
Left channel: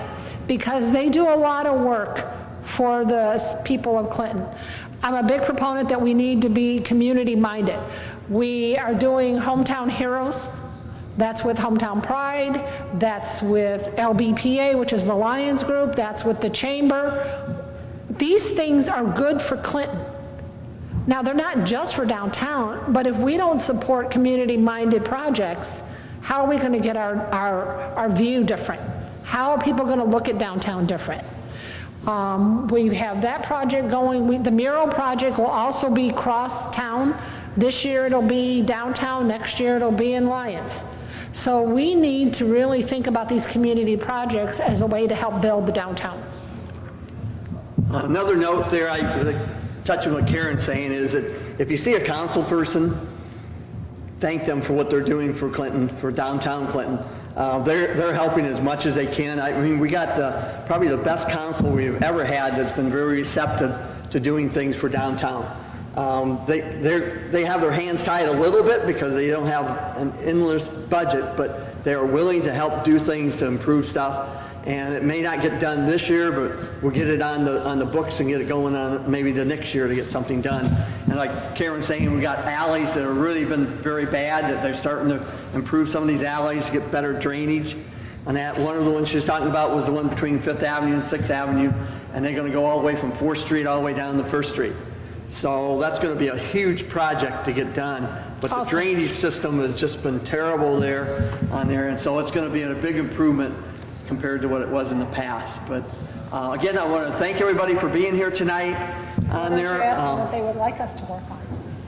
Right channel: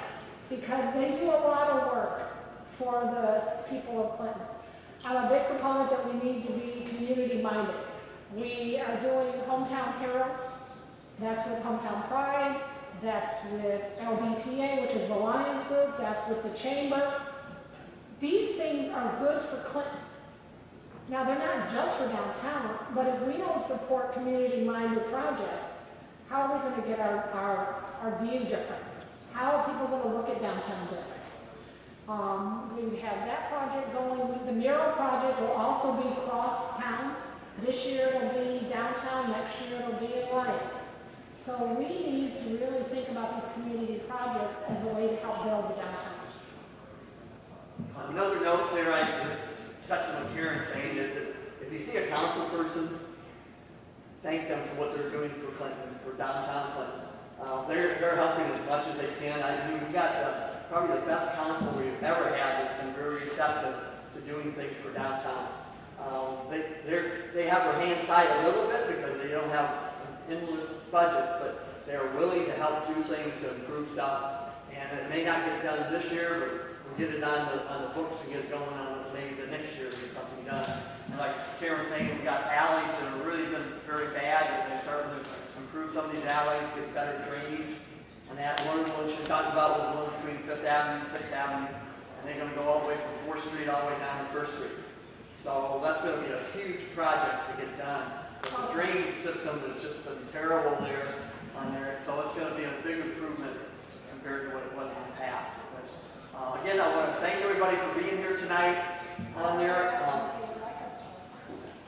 because they do a lot of work for the people of Clinton. I'm a big proponent that we need to be community-minded. We are doing Hometown Heroes. That's with Hometown Pride. That's with LBPA, which is the Lions Group. That's with the Chamber. These things are good for Clinton. Now, they're not just for downtown, but if we don't support community-minded projects, how are we going to get our view different? How are people going to look at downtown different? We have that project going. The mural project will also be cross-town. This year it'll be downtown, next year it'll be in Lyons. So we need to really think about these community projects as a way to help build the downtown. Another note there, I touch on what Karen's saying, is that if you see a council person, thank them for what they're doing for Clinton, for downtown Clinton. They're helping as much as they can. I mean, we got probably the best council we've ever had that's been very receptive to doing things for downtown. They have their hands tied a little bit because they don't have an endless budget, but they are willing to help do things to improve stuff. And it may not get done this year, but we'll get it on the books and get it going on maybe the next year to get something done. And like Karen's saying, we got alleys that have really been very bad, that they're starting to improve some of these alleys to get better drainage. And that one of the ones she was talking about was the one between 5th Avenue and 6th Avenue, and they're going to go all the way from 4th Street all the way down to 1st Street. So that's going to be a huge project to get done. But the Awesome. drainage system has just been terrible there on there, and so it's going to be a big improvement compared to what it was in the past. But again, I want to thank everybody for being here tonight on there. They're asking what they would like us to work on.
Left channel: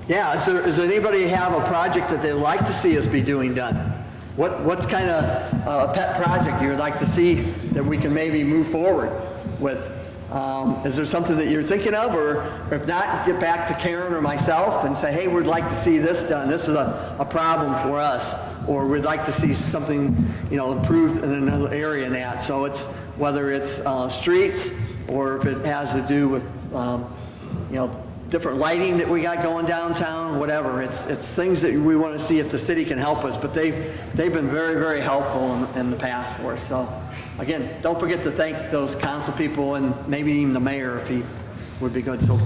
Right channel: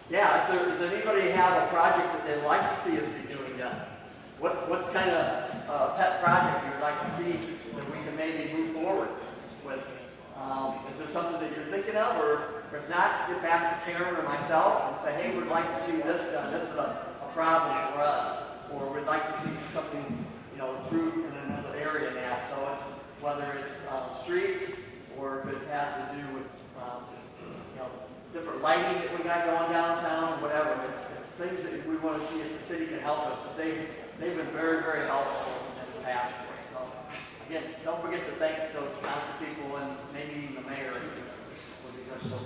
Yeah, does anybody have a project that they'd like to see us be doing done? What's kind of a pet project you would like to see that we can maybe move forward with? Is there something that you're thinking of, or if not, get back to Karen or myself and say, hey, we'd like to see this done. This is a problem for us, or we'd like to see something, improved in another area in that. So it's whether it's streets or if it has to do with, different lighting that we got going downtown, whatever. It's things that we want to see if the city can help us, but they've been very, very helpful in the past for us. So again, don't forget to thank those council people and maybe even the mayor if he would be good. So,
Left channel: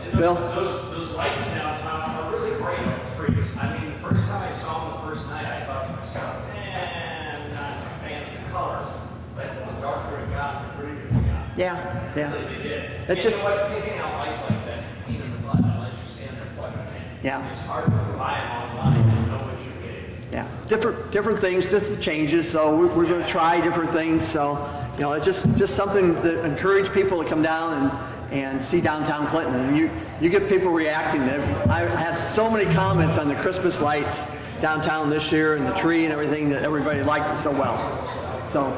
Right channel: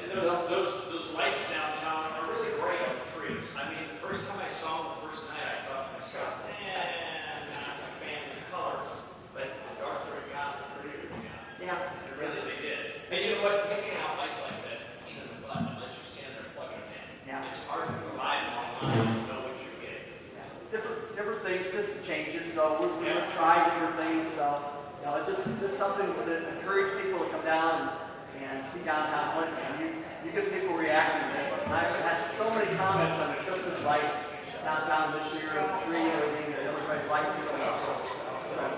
And Bill? those lights downtown are really bright on trees. I mean, the first time I saw them the first night, I thought to myself, I'm not a fan of the color. But the darker it got, the prettier it got. Yeah. Really, they did. It's And just- you know what? Picking out lights like that, pain in the butt unless you stand there quite a bit. Yeah. It's hard to buy them online and know what you're getting. Yeah, different things, different changes. So we're going to try different things. So it's just something that encourage people to come down and see downtown Clinton. And you get people reacting. I had so many comments on the Christmas lights downtown this year and the tree and everything that everybody liked it so well. So,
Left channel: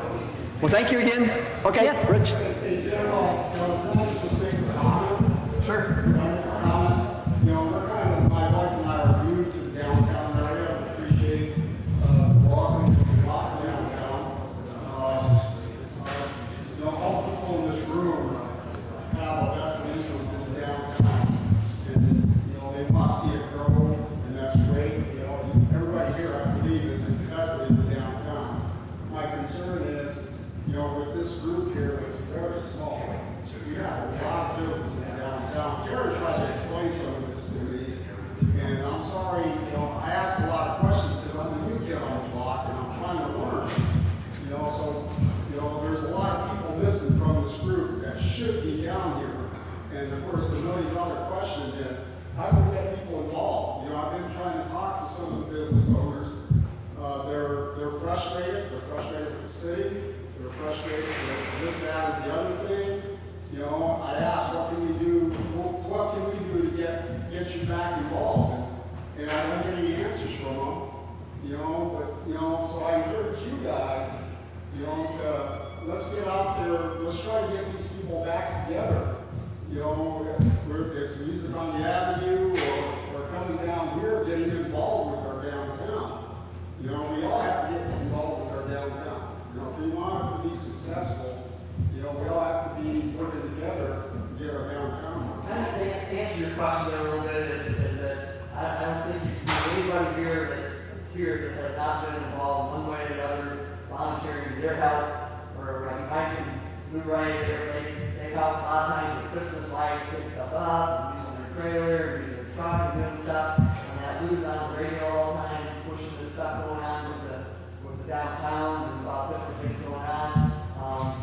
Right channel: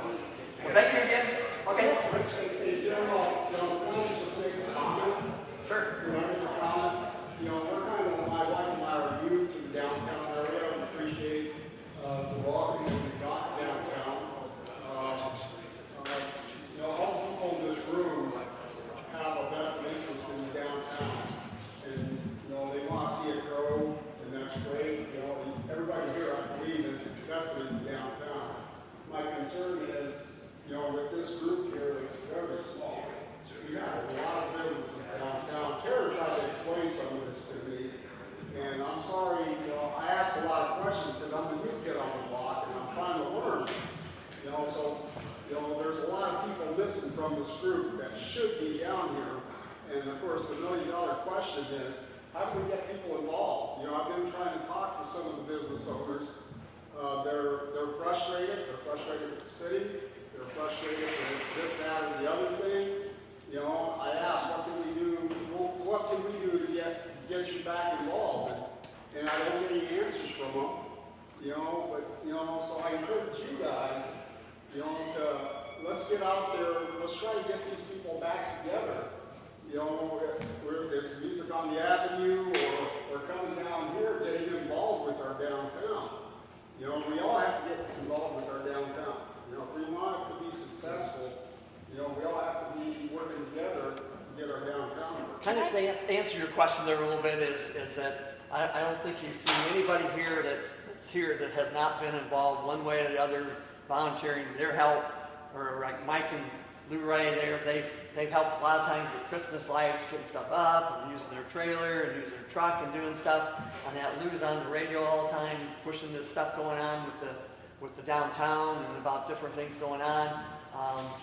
well, thank you again. Okay, Yes. Rich. In general, can I just make a comment? Sure. We're kind of, my wife and I are new to the downtown area and appreciate the welcome we got downtown. All people in this room have a vested interest in the downtown. And, they want to see it grow, and that's great. Everybody here, I believe, is invested in the downtown. My concern is, with this group here, it's very small. We have a lot of businesses downtown. Karen tried to explain some of this to me, and I'm sorry, I asked a lot of questions because I'm the new kid on the block, and I'm trying to learn. There's a lot of people missing from this group that should be down here. And of course, the million-dollar question is, how do we get people involved? I've been trying to talk to some of the business owners. They're frustrated. They're frustrated with the city. They're frustrated with this, that, and the other thing. I asked, what can we do? What can we do to get you back involved? And I don't get any answers from them. So I encourage you guys, let's get out there. Let's try to get these people back together. Whether it's music on the avenue or coming down here, getting involved with our downtown. We all have to get involved with our downtown. If we want it to be successful, we all have to be working together to get our downtown. Kind of to answer your question there a little bit is that I don't think you've seen anybody here that's here that has not been involved one way or the other, volunteering their help, or like Mike and Lou Ray, they help a lot of times with Christmas lights, getting stuff up, using their trailer, and using their truck and doing stuff. And that Lou's on the radio all the time, pushing this stuff going on with the downtown and about different things going on.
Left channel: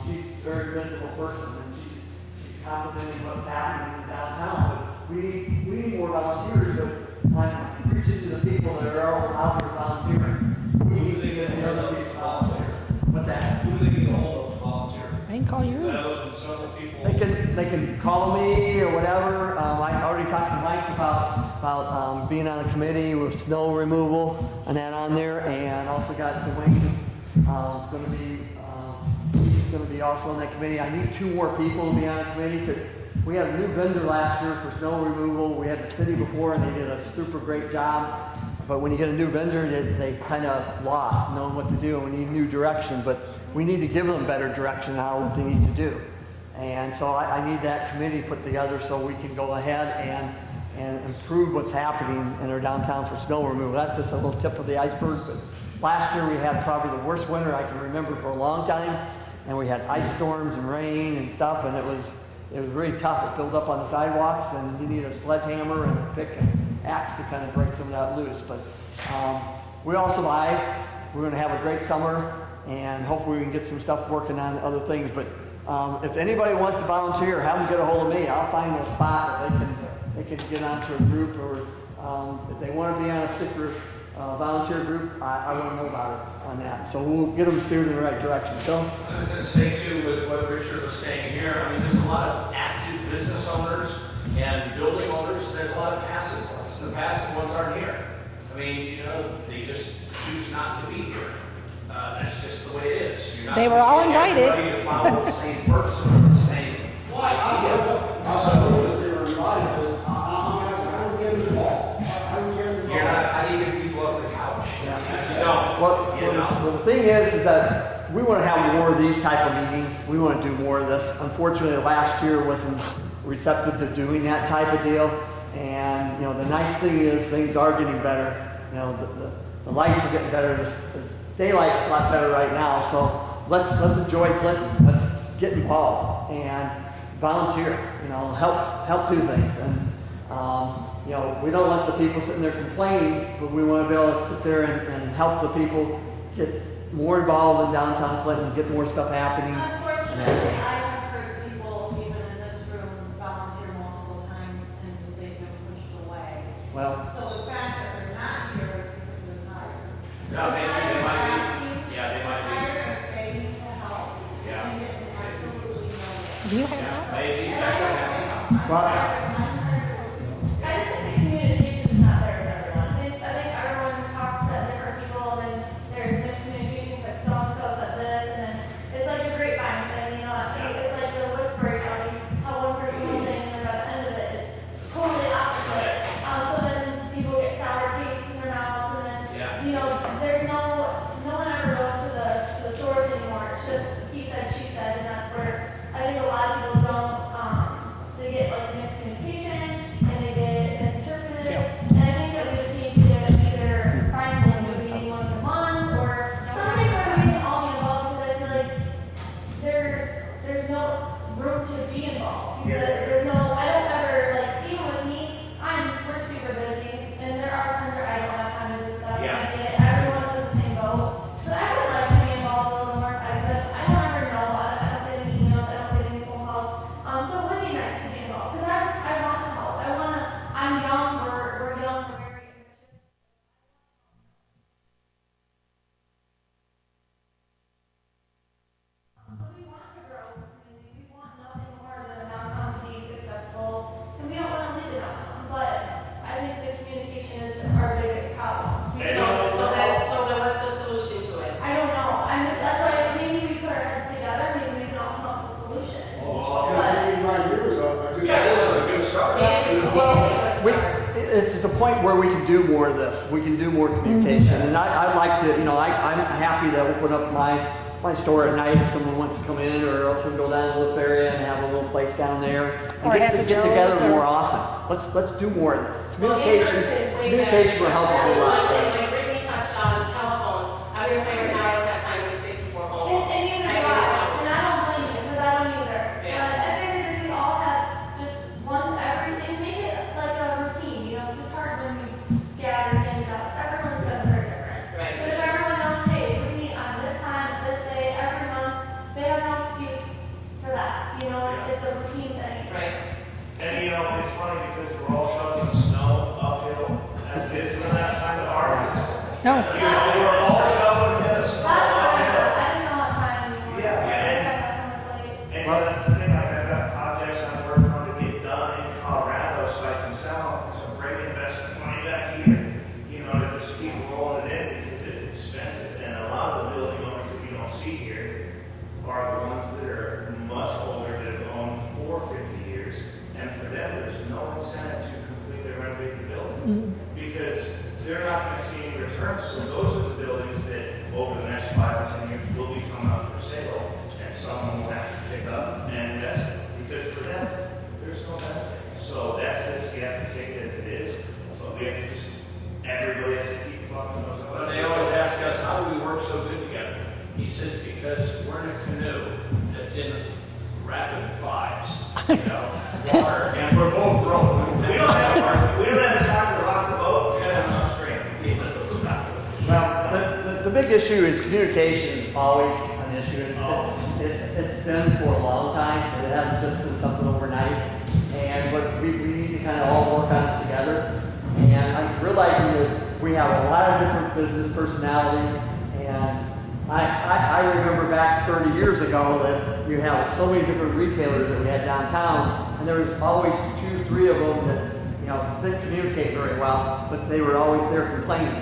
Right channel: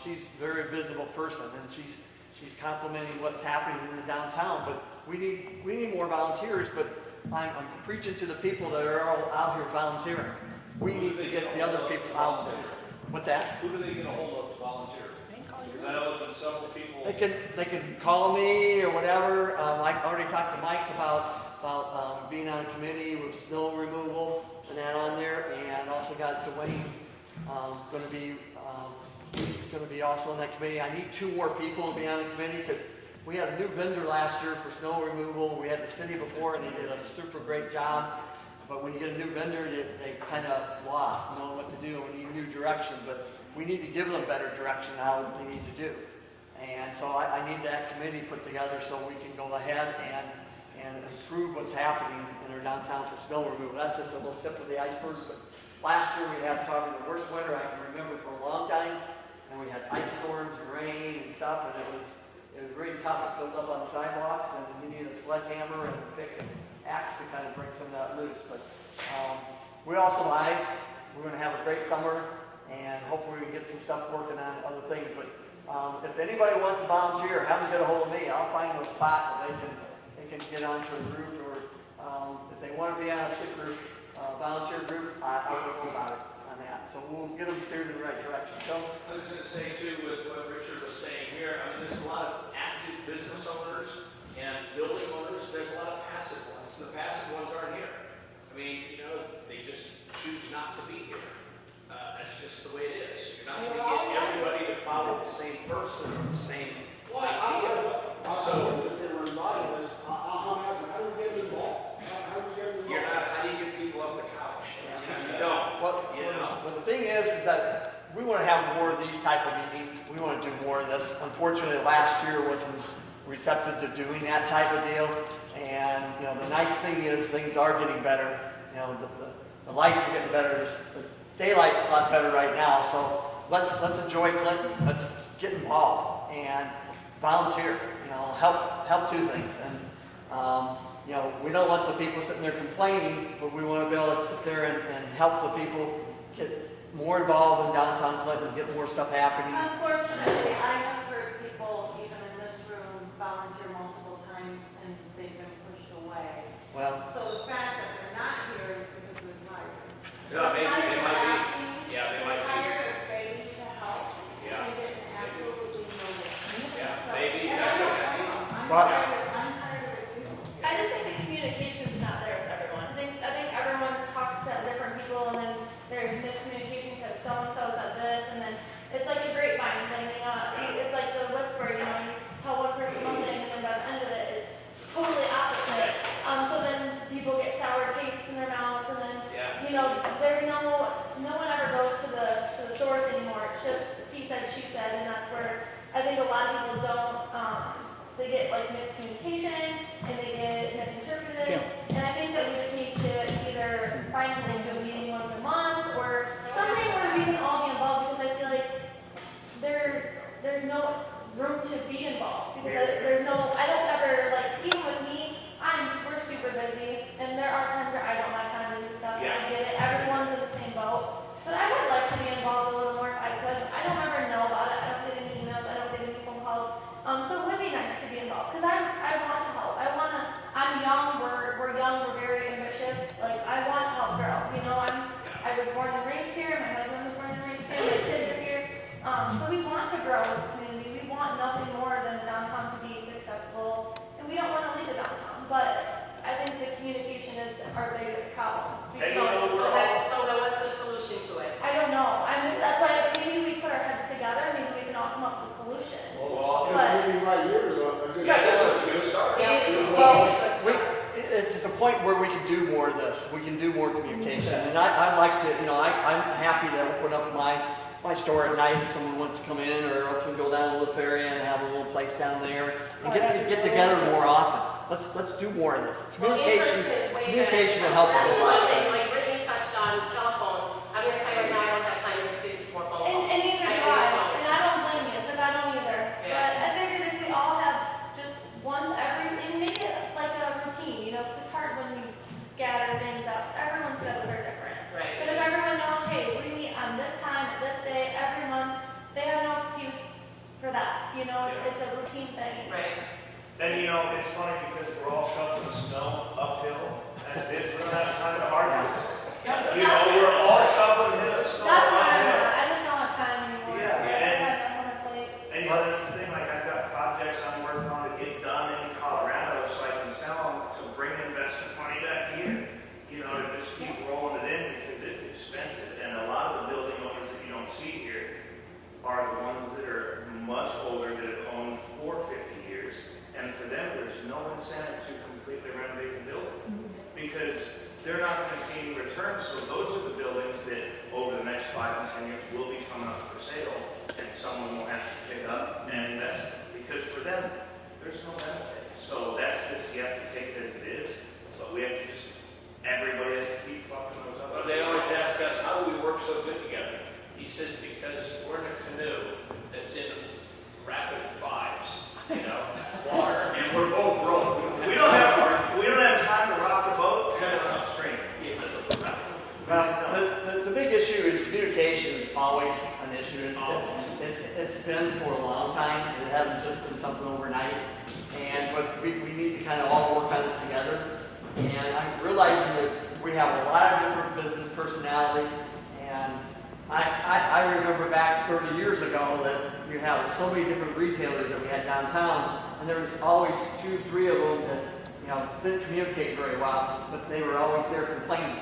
She's a very visible person, and she's complimenting what's happening in the downtown. But we need more volunteers. But I'm preaching to the people that are all out here volunteering. We need to get the other people out there. What's that? Who do they get a hold of to volunteer? They can call you. I know there's been several people. They can call me or whatever. I already talked to Mike about being on a committee with snow removal and that on there, and also got Dwayne going to be also on that committee. I need 2 more people to be on the committee because we had a new vendor last year for snow removal. We had the city before, and they did a super great job. But when you get a new vendor, they kind of lost knowing what to do. We need new direction, but we need to give them better direction on what they need to do. And so I need that committee put together so we can go ahead and improve what's happening in our downtown for snow removal. That's just a little tip of the iceberg. But last year we had probably the worst winter I can remember for a long time. And we had ice storms and rain and stuff, and it was really tough. It built up on the sidewalks, and you need a sledgehammer and a pick and axe to kind of break some of that loose. But we all survived. We're going to have a great summer, and hopefully we can get some stuff working on other things. But if anybody wants to volunteer, have them get a hold of me. I'll find a spot that they can get onto a group, or if they want to be on a stick group, volunteer group, I want to know about it on that. So we'll get them steered in the right direction. So I was going to say too, with what Richard was saying here, I mean, there's a lot of active business owners and building owners. There's a lot of passive ones. The passive ones aren't here. I mean, they just choose not to be here. That's just the way it is. You're not They were all getting invited. everybody to follow the same person, the same idea. How do you get people off the couch? You don't. well, the thing is that we want to have more of these type of meetings. We want to do more of this. Unfortunately, last year wasn't receptive to doing that type of deal. And the nice thing is things are getting better. The lights are getting better. The daylight's a lot better right now. So let's enjoy Clinton. Let's get involved and volunteer. Help do things. And we don't want the people sitting there complaining, but we want to be able to sit there and help the people get more involved in downtown Clinton, get more stuff happening. Unfortunately, I have heard people, even in this room, volunteer multiple times and they've been pushed away. Well, So the fact that they're not here is because they're tired. Yeah, maybe they might be. Yeah, they might be. Tired of begging to help. Yeah. And getting absolutely no. Do you have that? Maybe that could happen. well, I just think the communication's not there with everyone. I think everyone talks to different people, and then there's miscommunication because so-and-so said this, and then it's like a grapevine thing, it's like the whisper, you tell one person one thing, and then by the end of it, it's totally opposite. So then people get sour tastes in their mouths, and then, there's no one ever goes to the source anymore. It's just he said, she said, and that's where I think a lot of people don't, they get like miscommunication, and they get misinterpreted. And I think that we just need to either find a meeting once a month or something where we can all be involved, because I feel like there's no room to be involved. Because there's no, I don't ever, even with me, we're super busy, and there are times where I don't have time to do stuff. Yeah. I get it, everyone's in the same boat. But I would like to be involved a little more. I don't ever know about it. I don't get any emails, I don't get any phone calls. So it would be nice to be involved, because I want to help. I'm young, we're young, we're very ambitious. I want to help grow. I was born and raised here, my husband was born and raised here, my kids are here. So we want to grow as a community. We want nothing more than the downtown to be successful, and we don't want to leave the downtown. But I think the communication is our biggest problem. So then what's the solution to it? I don't know. That's why maybe we put our heads together, maybe we can all come up with a solution. Yeah, this is a good start. it's a point where we can do more of this. We can do more communication. And I'd like to, I'm happy to open up my store at night if someone wants to come in, or else we can go down to the lift area and have a little place down there and Or get have together Joe's or- more often. Let's do more of this. Well, interest is way Communication will help a That's whole one lot. thing, like Brittany touched on telephone. I'm gonna tell you right now, I don't have time to 64 phone calls. And either I do just I, don't. and I don't blame you, because I don't either. Yeah. But I figured if we all have just once every, and make it like a routine, because it's hard when you scatter things out, because everyone's schedules are different. Right. But if everyone knows, hey, we meet on this time, this day, every month, they have no excuse for that, it's a routine thing. Right. And it's funny because we're all shoveling snow uphill as it is. We don't have time to argue. No. We're all shoveling in the snow That's what I uphill. just don't have time anymore. Yeah, and that's the thing, I've got projects I'm working on to get done in Colorado so I can sell them to bring investment money back here. To just keep rolling it in because it's expensive. And a lot of the building owners that you don't see here are the ones that are much older, that have owned for 50 years. And for them, there's no incentive to completely renovate the building because they're not going to see any returns. So those are the buildings that over the next 5 to 10 years will be coming up for sale, and someone will have to pick up and invest because for them, there's no benefit. So that's just, you have to take it as it is, but we have to just, everybody has to keep plugging those up. But they always ask us, how do we work so good together? He says, because we're in a canoe that's in rapid fives, water, and we're both rowing. We don't have time to rock the boat. Kind of upstream. Now, the big issue is communication is always an issue. It's it's been for a long time, and it hasn't just been something overnight. But we need to kind of all work on it together. And I'm realizing that we have a lot of different business personalities, and I remember back 30 years ago that we had so many different retailers that we had downtown, and there was always 2, 3 of them that, you know, didn't communicate very well, but they were always there complaining.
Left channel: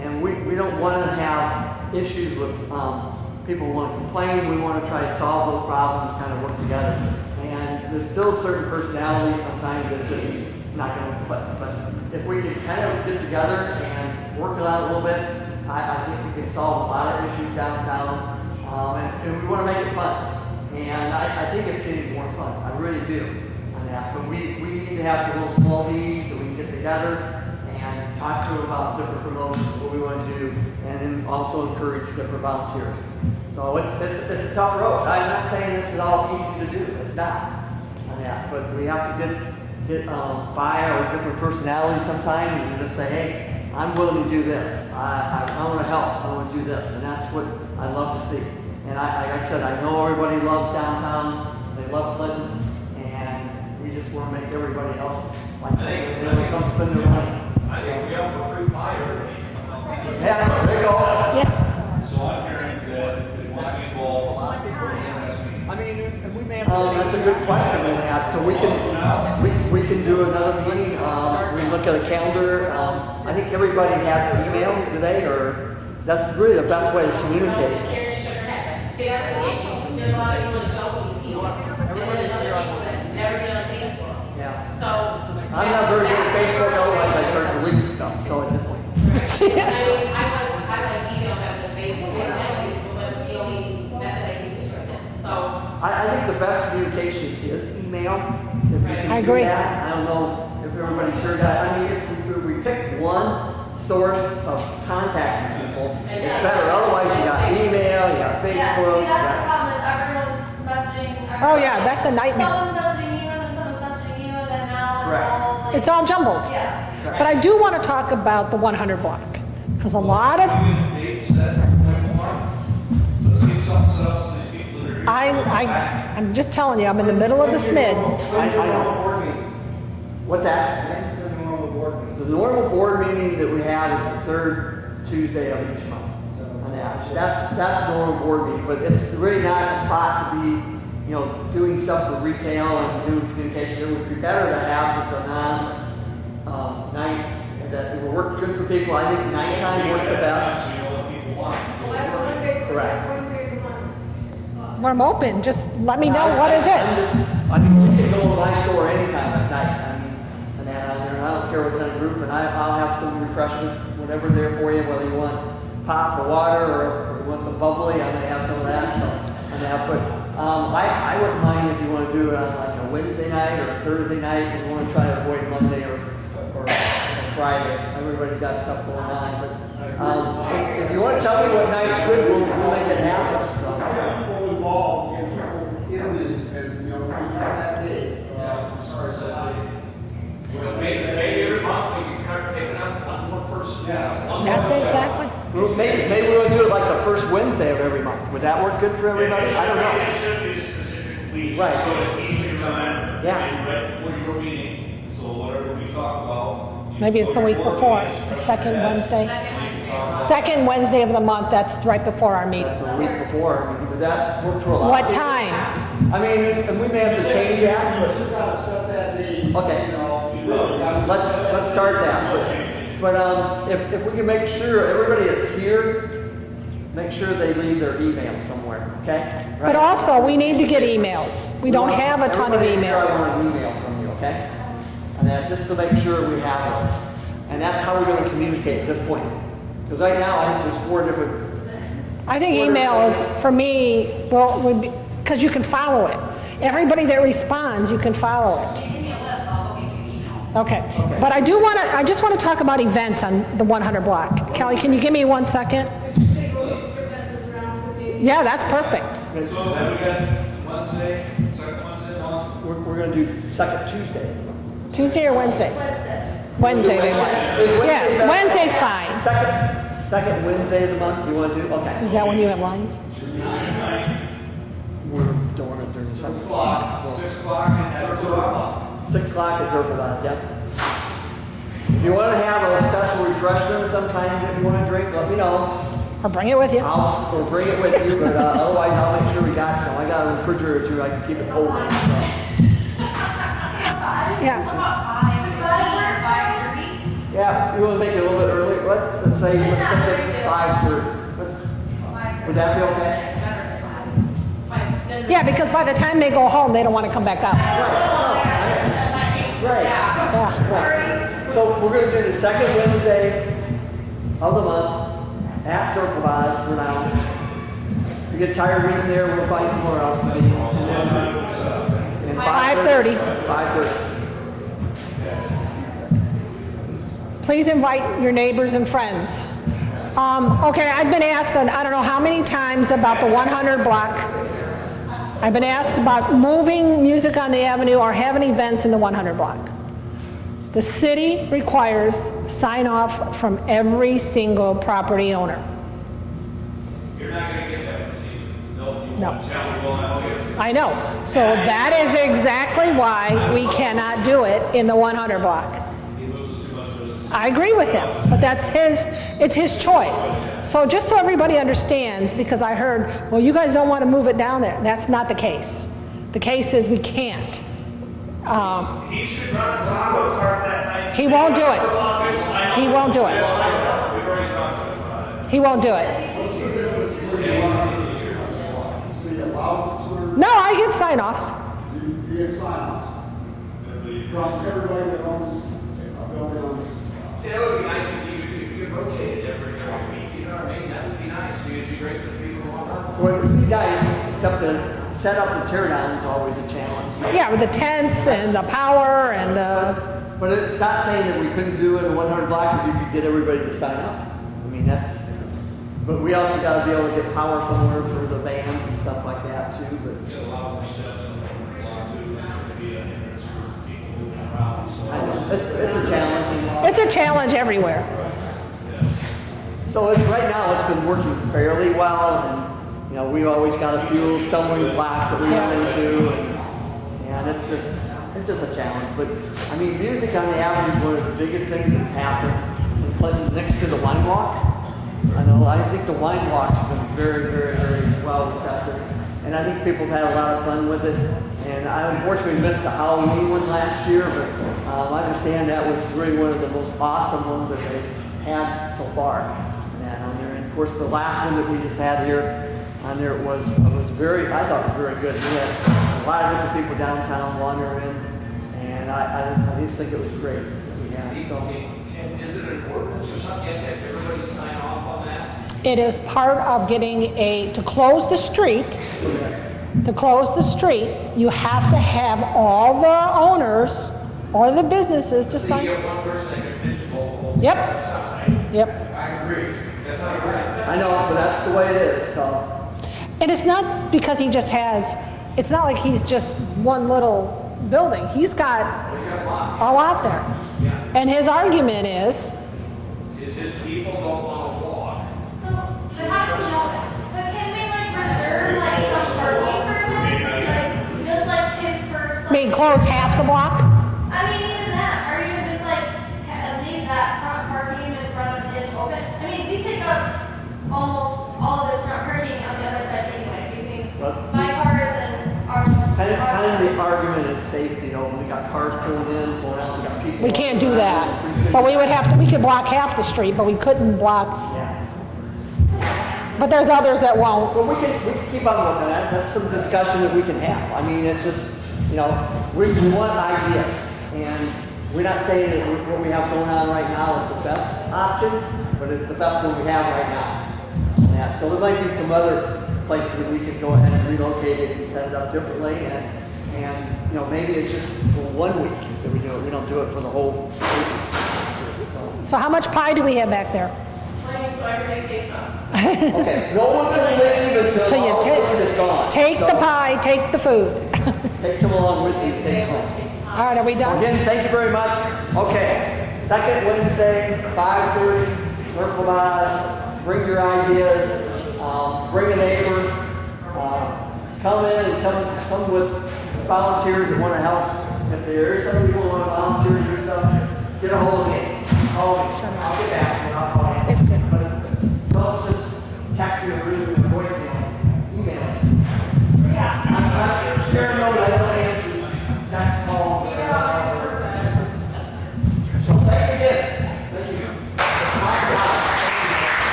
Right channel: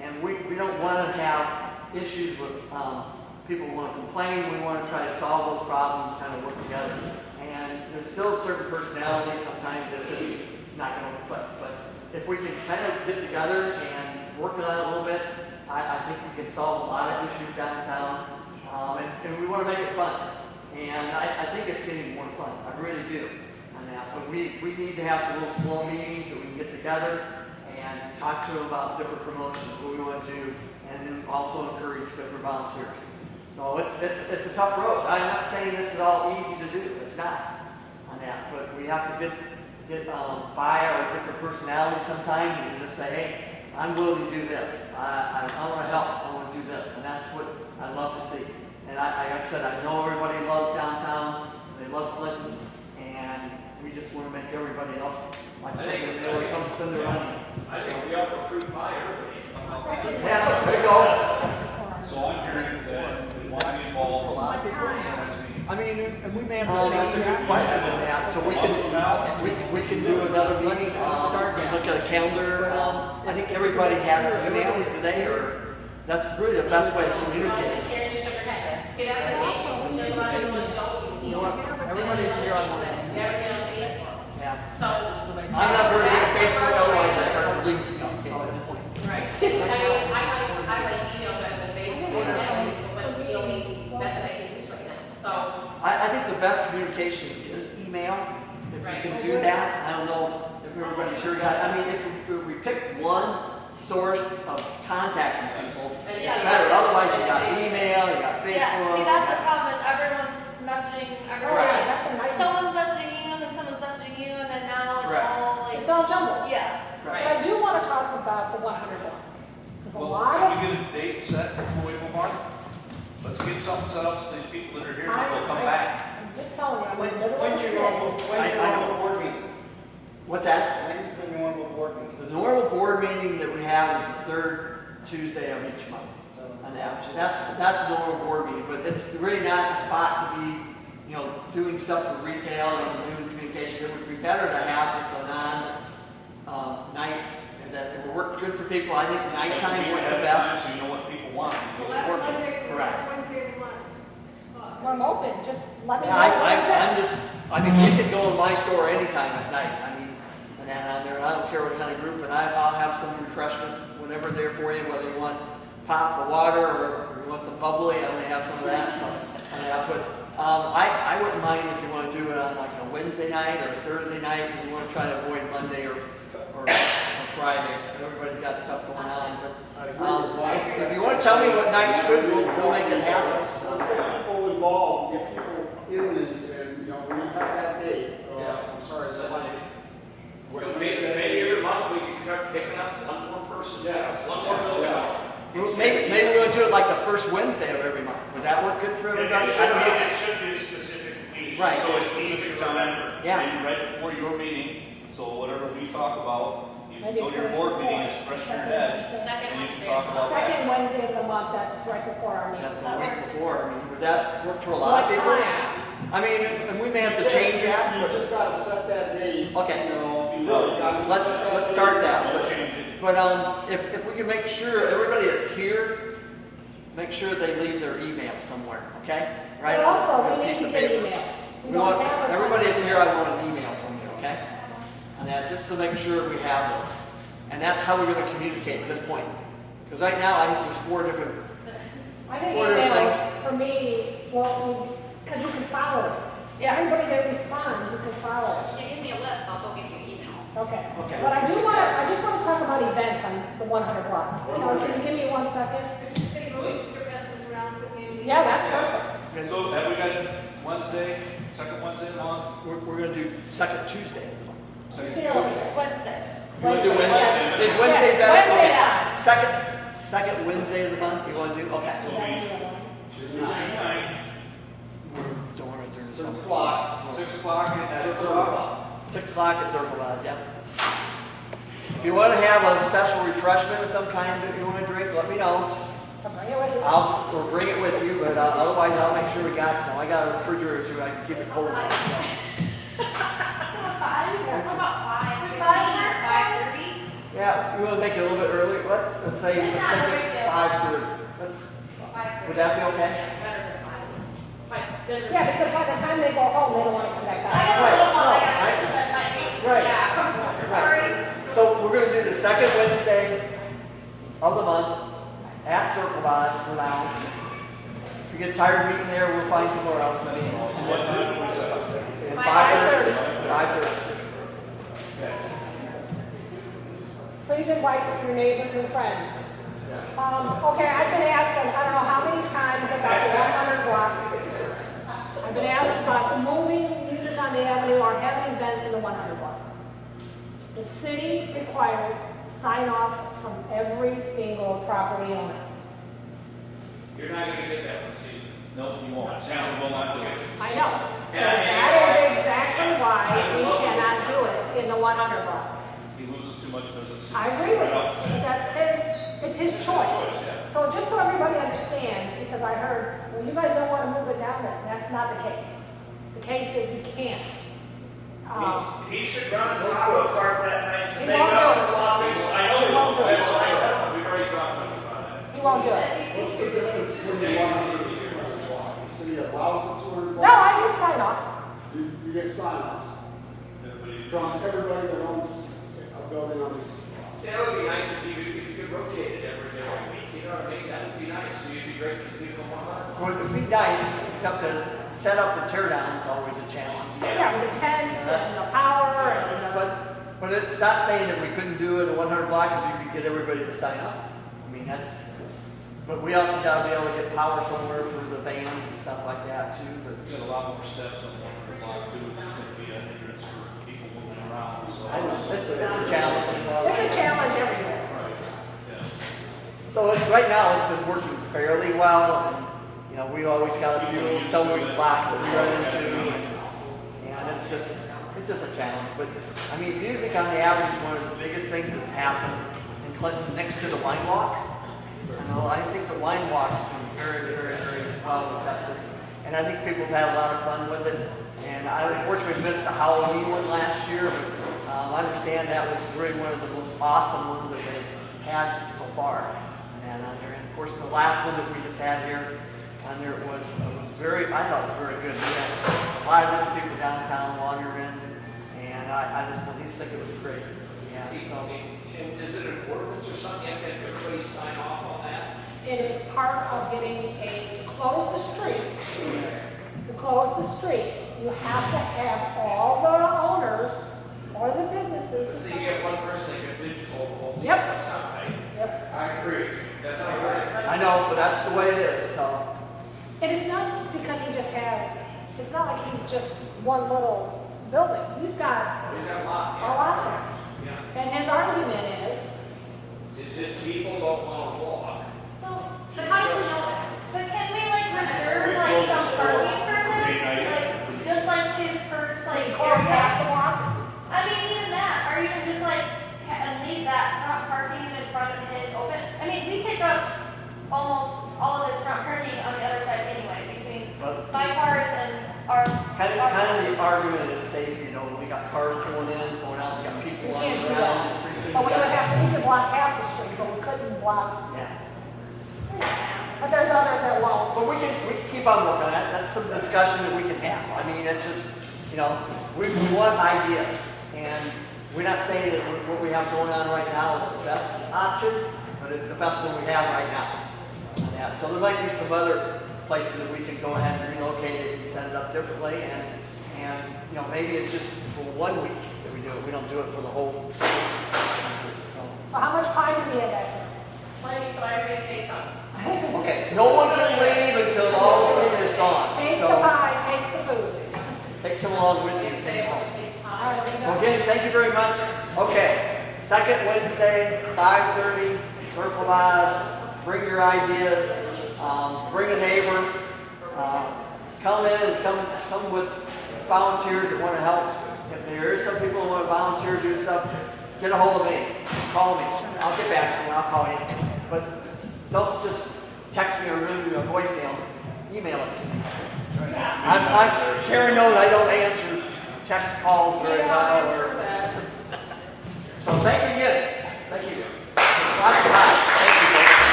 And we don't want to have issues with people who want to complain. We want to try to solve those problems, kind of work together. And there's still certain personalities sometimes that just not going to click. But if we can kind of get together and work on it a little bit, I think we can solve a lot of issues downtown. And we want to make it fun. And I think it's getting more fun. I really do on that. But we need to have some little small meetings so we can get together and talk to them about different promotions, what we want to do, and then also encourage different volunteers. So it's a tough road. I'm not saying this is all easy to do. It's not on that. But we have to get by our different personalities sometimes and just say, hey, I'm willing to do this. I want to help. I want to do this. And that's what I love to see. And like I said, I know everybody loves downtown. They love Clinton. And we just want to make everybody else like they come spend their money. I think we offer free pie everybody. Yeah, there you go. So I'm hearing that we want to involve a lot of people. I mean, and we may have to change a good question on that, so we can do another meeting, look at a calendar. I think everybody has a calendar today, or that's really the best way to communicate. See, that's the issue. There's a lot of people that don't use email. Everybody's here on Never get on Facebook. Yeah. So. I'm not very good at Facebook, otherwise I start deleting stuff, so it's just. I like email them to Facebook, and Facebook is the only method I can use right now. So. I think the best communication is email. If we can I do agree. that, I don't know if everybody's sure that. I mean, if we pick one source of contacting people, it's better. Otherwise, you got email, you got Facebook. Yeah, see, that's the problem is everyone's messaging everybody. Oh, yeah, that's a nightmare. Someone's messaging you, and then someone's messaging you, and then now it's all like. It's all jumbled. Yeah. But I do want to talk about the 100 block, because a lot of, Can we get a date set before we move on? Let's get something set up so the people that are here. I'm just telling you, I'm in the middle of the SMID. I know. What's that? When's the normal board meeting? The normal board meeting that we have is the third Tuesday of each month. And that's the normal board meeting, but it's really not a spot to be, you know, doing stuff with retail and doing communication. It would be better to have just a night that will work good for people. I think nighttime works the best. So you know what people want. Well, that's one great, Correct. that's one great one. When I'm open, just let me know, what is I'm it? just, I mean, she can go to my store anytime at night. I mean, and then on there, I don't care what kind of group, and I'll have some refreshment, whatever there for you, whether you want pop or water or you want some bubbly, I'm gonna have some of that. So I'm gonna put. I wouldn't mind if you want to do it on like a Wednesday night or a Thursday night. If you want to try to avoid Monday or Friday. Everybody's got stuff going on, but if you want to tell me what night's good, we'll make it happen. Let's get people involved, get people in these, and, you know, we have that day. I'm sorry, it's a lot of. Maybe every month we can start picking up one more person. Yes. One more That's it, person. exactly. Maybe we want to do it like the first Wednesday of every month. Would that work good for everybody? I don't know. It should be a specific week. Right. So it's easy to remember. Yeah. Right before your meeting, so whatever we talk about. you Maybe it's know, the your week board before, meeting is the fresh second in your head. Wednesday. We can talk about Second Wednesday of the month, that's right before our meeting. That's a week before. I mean, would that work for a lot What of people? time? I mean, and we may have to change You that. just gotta set that date. Okay. You know, you really gotta. Let's start that. But if we can make sure everybody that's here, make sure they leave their email somewhere, okay? But also, we need to get emails. We don't have a ton of Everybody that's here, I emails. want an email from you, okay? And that, just to make sure we have those. And that's how we're gonna communicate at this point. Because right now, I think there's 4 different. I think emails, for me, well, would be, because you can follow it. Everybody that responds, you can follow it. Give me a list, I'll go get you emails. Okay, but I just want to talk about events on the 100 block. Kelly, can you give me 1 second? Yeah, that's perfect. So then we got Wednesday, second Wednesday of the month. We're gonna do second Tuesday. Tuesday or Wednesday? Wednesday. Wednesday. Is Wednesday Yeah, better? Wednesday's fine. Second Wednesday of the month, you wanna do, okay. Is that when you have lines? We're 6 o'clock. 6 o'clock and Circle up. 6 o'clock at Circle Lines, yep. If you want to have a special refreshment of some kind, if you want to drink, let me know. Or bring it with you. Or bring it with you, but otherwise I'll make sure we got some. I got a refrigerator too, I can keep it cold. Yeah. About 5:30. Yeah, you want to make it a little bit early, what? Let's say, let's make it 5:30. Would that be okay? Yeah, because by the time they go home, they don't want to come back out. Right. Yeah. So we're going to do the second Wednesday of the month at Circle Vise for now. If you get tired of being there, we'll find somewhere else to be. And 5:30. 5:30. Please invite your neighbors and friends. Okay, I've been asked, I don't know how many times about the 100 block. I've been asked about moving music on the avenue or having events in the 100 block. The city requires sign off from every single property owner. You're not gonna get that this season. No, you No. won't. Salable, I'll get it. I know. So that is exactly why we cannot do it in the 100 block. He loses too much business. I agree with him, but it's his choice. So just so everybody understands, because I heard, well, you guys don't want to move it down there. That's not the case. The case is we can't. He should run taco cart that night. He won't do it. He won't do it. That's what I know. We've already talked about it. He won't do it. What's the difference between the city allows it to, No, I get sign-offs. you get sign-offs from everybody that owns a building on this. It would be nice if you could rotate it every week, you know what I mean? That would be nice. It'd be great for the people who want to. Well, it would be nice, except to set up the teardown is always a challenge. Yeah, with the tents and the power and But it's not saying that we couldn't do it in 100 block if you could get everybody to sign up. I mean, but we also got to be able to get power somewhere for the bands and stuff like that too. But There's a lot more steps on the block too. It's gonna be a hindrance for people moving around, so. it's a challenge. it's a challenge everywhere. So right now it's been working fairly well, and you know we always got a few stumbling blocks that we run into, and it's just a challenge. But I mean, music on the avenue is one of the biggest things that's happened in Clinton next to the wine walks. I think the wine walks have been very, very, very well accepted, and I think people have had a lot of fun with it. And I unfortunately missed the Halloween one last year, but I understand that was really one of the most awesome ones that they had so far. And of course, the last one that we just had here, on there was very, I thought it was very good. We had a lot of different people downtown wandering, and I just think it was great. Yeah, so. Tim, is it an ordinance or something? You have to have everybody sign off on that? It is part of getting to close the street. To close the street, you have to have all the owners or the businesses to So sign. you get one person that can pigeonhole. Yep. That's not right. Yep. I agree. That's not right. I know, but that's the way it is, so. And it's not because he just has, it's not like he's just one little building. He's got a lot there. And his argument is, His people don't want to walk. But how does he know that? So can we reserve some parking for him? Just his first. I mean, close half the block? Even that, or even just leave that front parking in front of his open. We take up almost all of this front parking on the other side anyway, between my cars and our. Kind of the argument is safety, we got cars pulling in, pulling out, we got people. We can't do that. But we could block half the street, but we couldn't block. Yeah. But there's others that won't. Well, we can keep on looking at it. That's some discussion that we can have. It's just, we want ideas. And we're not saying that what we have going on right now is the best option, but it's the best one we have right now. Yeah, so there might be some other places that we could go ahead and relocate it and set it up differently. And maybe it's just for 1 week that we do it. We don't do it for the whole week. So how much pie do we have back there? Plenty, so everybody takes some. Okay, no one can leave until So all you the food is gone. Take the So, pie, take the food. Take some along with you, take it home. All right, are we done? Again, thank you very much. Okay, second Wednesday, 5:30, Circle Vise. Bring your ideas, bring a neighbor. come in and come with volunteers that want to help. If there is some people who want to volunteer to do stuff, get a hold of me. Call me. I'll get back to you. I'll call you. But don't just text me or leave me a voicemail. Email it. I'm